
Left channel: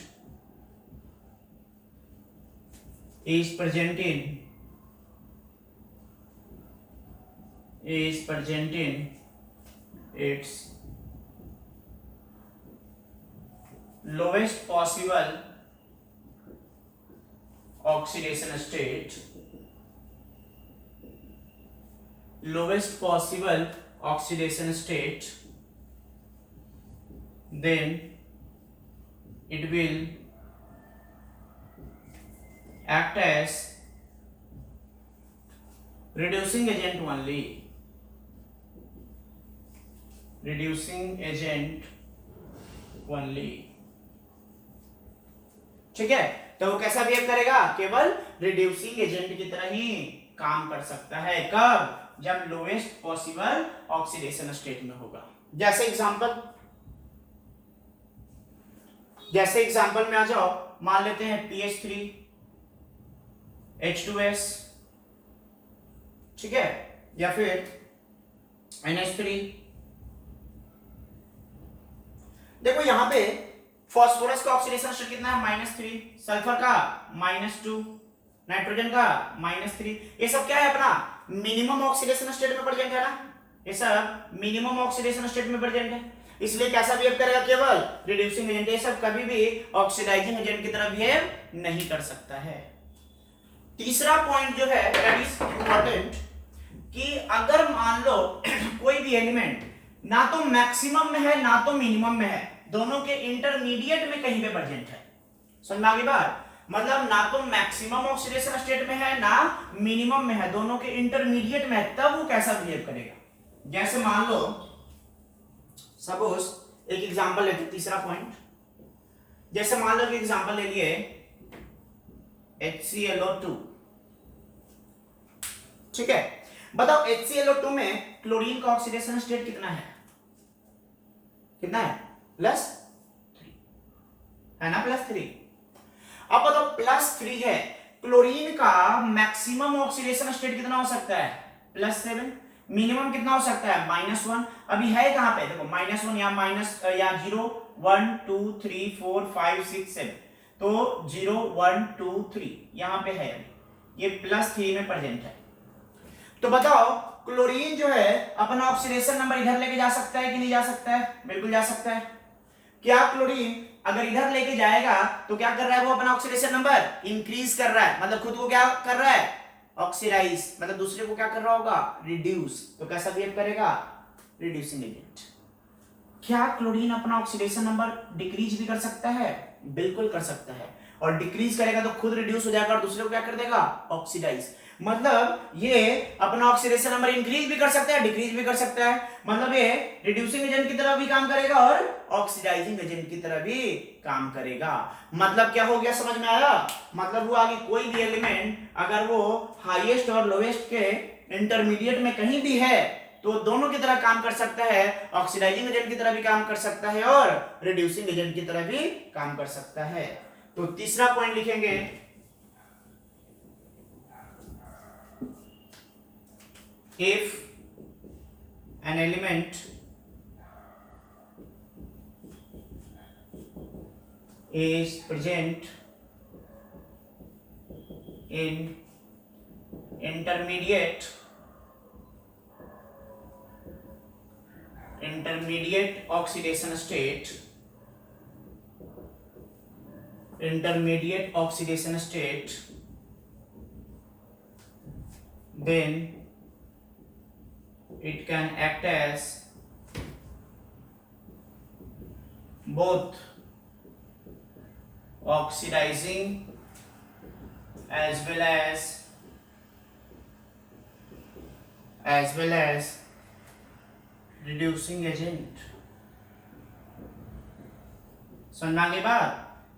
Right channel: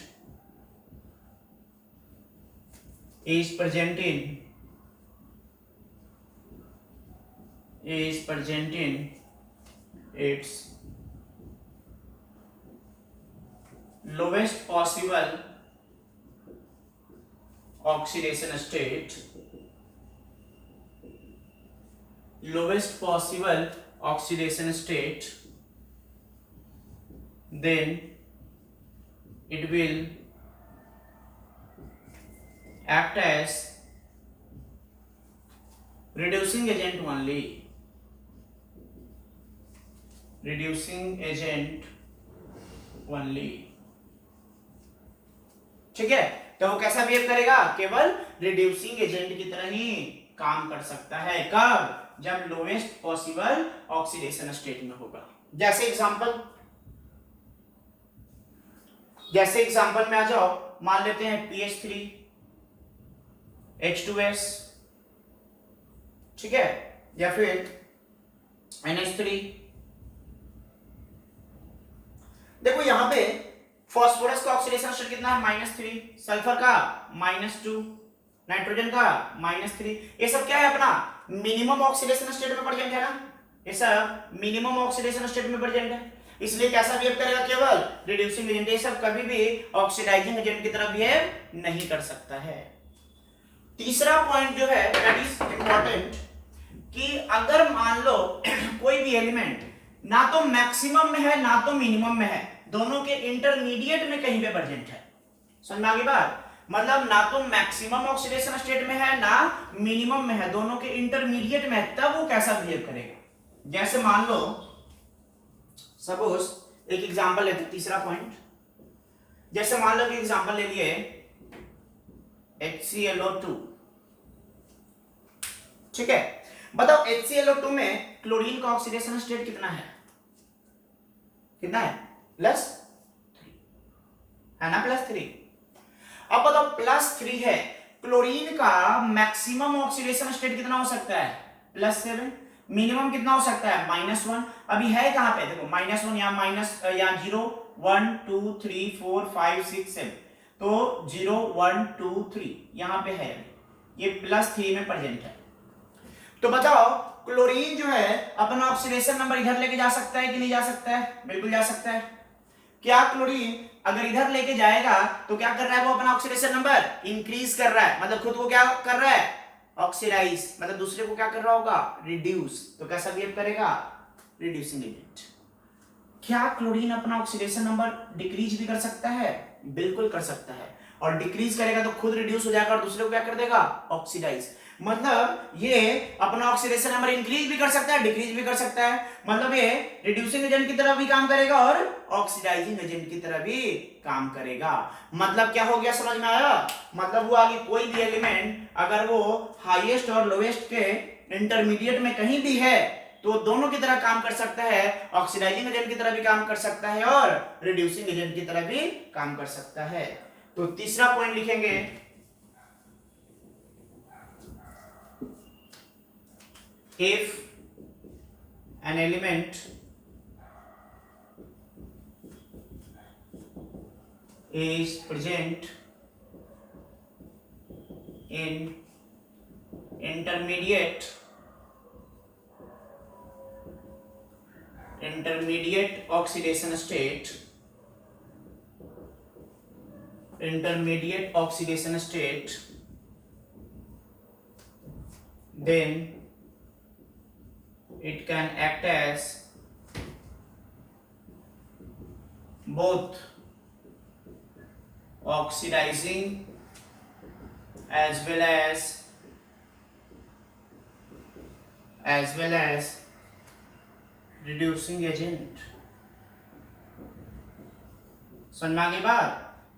is present in its lowest possible oxidation state, then it will act as reducing agent only, ठीक है। तो वो कैसा बिहेव करेगा, केवल रिड्यूसिंग एजेंट की तरह ही काम कर सकता है। कब, जब लोएस्ट पॉसिबल ऑक्सीडेशन स्टेट में होगा। जैसे एग्जांपल में आ जाओ, मान लेते हैं PH3 H2S, ठीक है, या फिर NH3। देखो यहां पे फास्फोरस का ऑक्सीडेशन स्टेट कितना है -3, सल्फर का -2, नाइट्रोजन का -3। ये सब क्या है, अपना मिनिमम ऑक्सीडेशन स्टेट में प्रेजेंट है ना, ये सब मिनिमम ऑक्सीडेशन स्टेट में प्रेजेंट है, इसलिए कैसा बिहेव करेगा, केवल रिड्यूसिंग एजेंट। ये सब कभी भी ऑक्सीडाइजिंग एजेंट की तरह बिहेव नहीं कर सकता है। तीसरा पॉइंट जो है दैट इज इंपॉर्टेंट, कि अगर मान लो कोई भी एलिमेंट ना तो मैक्सिमम में है ना तो मिनिमम में है, दोनों के इंटरमीडिएट में कहीं पे प्रेजेंट है। समझ में आ गई बात, मतलब ना तो मैक्सिमम ऑक्सीडेशन स्टेट में है ना मिनिमम में है, दोनों के इंटरमीडिएट में है, तब वो कैसा बिहेव करेगा। जैसे मान लो सपोज एक एग्जांपल लेते हैं, तीसरा पॉइंट, जैसे मान लो कि एग्जांपल ले लिए HClO2, ठीक है। बताओ HClO2 में क्लोरीन का ऑक्सीडेशन स्टेट कितना है, +3 है ना, +3। अब बताओ +3 है, क्लोरीन का मैक्सिमम ऑक्सीडेशन स्टेट कितना हो सकता है, +7। मिनिमम कितना हो सकता है, -1। अभी है कहां पे, देखो -1 या -0 1 2 3 4 5 6 7, तो 0 1 2 3 यहां पे है, ये +3 में प्रेजेंट है। तो बताओ क्लोरीन जो है अपना ऑक्सीडेशन नंबर इधर लेके जा सकता है कि नहीं जा सकता है, बिल्कुल जा सकता है। क्या क्लोरीन अगर इधर लेके जाएगा तो क्या कर रहा है, वो अपना ऑक्सीडेशन नंबर इंक्रीज कर रहा है, मतलब खुद को क्या कर रहा है, ऑक्सीडाइज, मतलब दूसरे को क्या कर रहा होगा, रिड्यूस। तो कैसा बिहेव करेगा, रिड्यूसिंग एजेंट। क्या क्लोरीन अपना ऑक्सीडेशन नंबर डिक्रीज भी कर सकता है, बिल्कुल कर सकता है, और डिक्रीज करेगा तो खुद रिड्यूस हो जाएगा और दूसरे को क्या कर देगा, ऑक्सीडाइज। मतलब ये अपना ऑक्सीडेशन नंबर इंक्रीज भी कर सकता है, डिक्रीज भी कर सकता है, मतलब ये रिड्यूसिंग एजेंट की तरह भी काम करेगा और ऑक्सीडाइजिंग एजेंट की तरह भी काम करेगा। मतलब क्या हो गया, समझ में आया, मतलब हुआ कि कोई भी एलिमेंट अगर वो हाईएस्ट और लोवेस्ट के इंटरमीडिएट में कहीं भी है तो दोनों की तरह काम कर सकता है, ऑक्सीडाइजिंग एजेंट की तरह भी काम कर सकता है और रिड्यूसिंग एजेंट की तरह भी काम कर सकता है। तो तीसरा पॉइंट लिखेंगे, if an element is present in intermediate oxidation state, then it can act as both oxidizing as well as reducing agent। सुनना की बात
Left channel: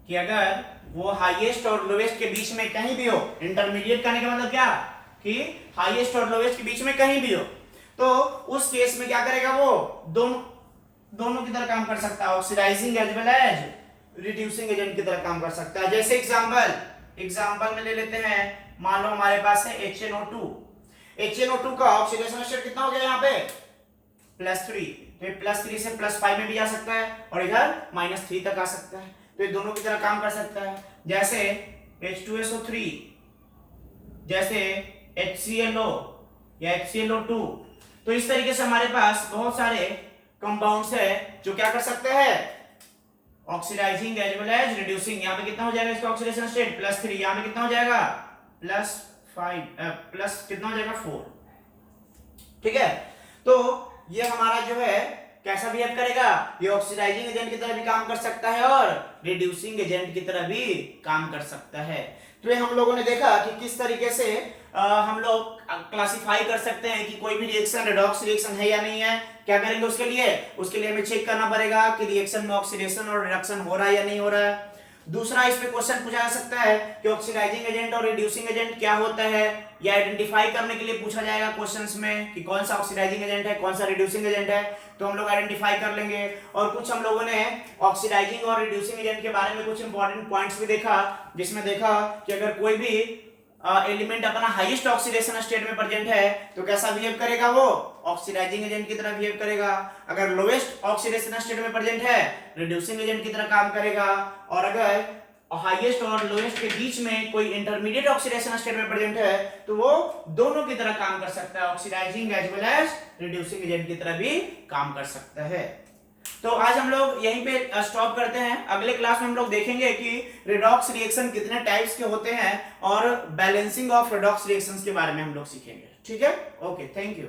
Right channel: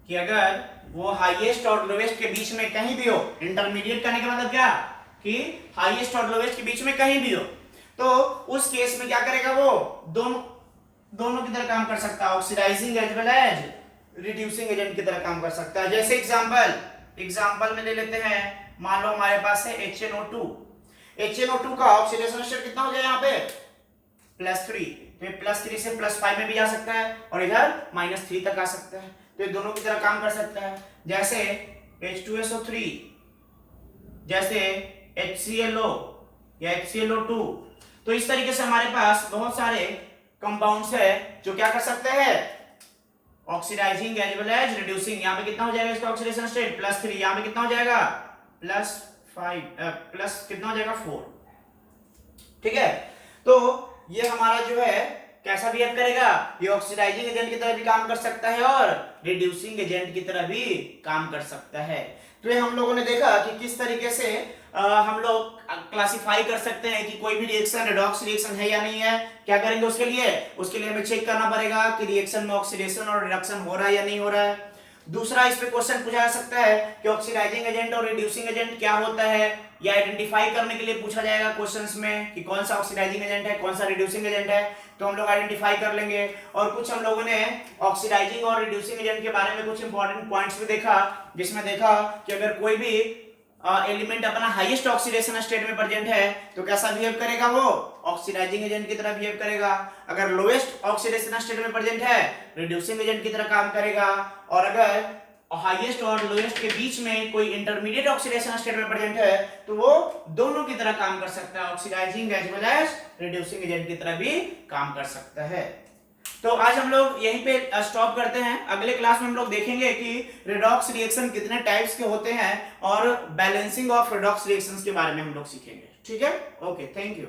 कि अगर वो हाईएस्ट और लोवेस्ट के बीच में कहीं भी हो, इंटरमीडिएट करने का मतलब क्या कि हाईएस्ट और लोवेस्ट के बीच में कहीं भी हो, तो उस केस में क्या करेगा, वो दोनों की तरह काम कर सकता है, oxidising as well as reducing agent की तरह काम कर सकता है। जैसे एग्जांपल में ले लेते हैं, मान लो हमारे पास है HNO2 का ऑक्सीडेशन स्टेट कितना हो गया यहाँ पे +3, तो ये +3 से +5 में भी जा सकता है और इधर -3 तक आ सकता है, तो ये दोनों की तरह काम कर सकता है। जैसे H2SO3, जैसे HClO या HClO2, तो इस तरीके से हमारे पास बहुत सारे कंपाउंड्स है जो क्या कर सकते हैं, oxidising as well as reducing. यहाँ पे कितना हो जाएगा इसका ऑक्सीडेशन स्टेट +3, यहाँ पे कितना हो जाएगा कितना हो जाएगा 4। ठीक है, तो ये हमारा जो है कैसा बिहेव करेगा, ये ऑक्सीडाइजिंग एजेंट की तरह भी काम कर सकता है और रिड्यूसिंग एजेंट की तरह भी काम कर सकता है। तो ये हम लोगों ने देखा कि किस तरीके से हम लोग क्लासिफाई कर सकते हैं कि कोई भी रिएक्शन रेडॉक्स रिएक्शन है या नहीं है। क्या करेंगे उसके लिए हमें चेक करना पड़ेगा कि रिएक्शन में ऑक्सीडेशन और रिडक्शन हो रहा है या नहीं हो रहा है। दूसरा, इस पे क्वेश्चन पूछा जा सकता है कि ऑक्सीडाइजिंग एजेंट और रिड्यूसिंग एजेंट क्या होता है, या आइडेंटिफाई करने के लिए पूछा जाएगा क्वेश्चंस में कि कौन सा ऑक्सीडाइजिंग एजेंट है, कौन सा रिड्यूसिंग एजेंट है, तो हम लोग आइडेंटिफाई कर लेंगे। और कुछ हम लोगों ने ऑक्सीडाइजिंग और रिड्यूसिंग एजेंट के बारे में कुछ इंपॉर्टेंट पॉइंट्स भी देखा, जिसमें देखा कि अगर कोई भी एलिमेंट अपना हाईएस्ट ऑक्सीडेशन स्टेट में प्रेजेंट है तो कैसा बिहेव करेगा, वो ऑक्सीडाइजिंग एजेंट की तरह बिहेव करेगा। अगर लोएस्ट ऑक्सीडेशन स्टेट में प्रेजेंट है रिड्यूसिंग एजेंट की तरह काम करेगा। और अगर हाईएस्ट और लोएस्ट के बीच में कोई इंटरमीडिएट ऑक्सीडेशन स्टेट में प्रेजेंट है तो वो दोनों की तरह काम कर सकता है, oxidising as well as reducing agent की तरह भी काम कर सकता है। तो आज हम लोग यहीं पे स्टॉप करते हैं। अगले क्लास में हम लोग देखेंगे कि रेडॉक्स रिएक्शन कितने टाइप्स के होते हैं और बैलेंसिंग ऑफ रेडॉक्स रिएक्शंस के बारे में हम लोग सीखेंगे। ठीक है, ओके, थैंक यू।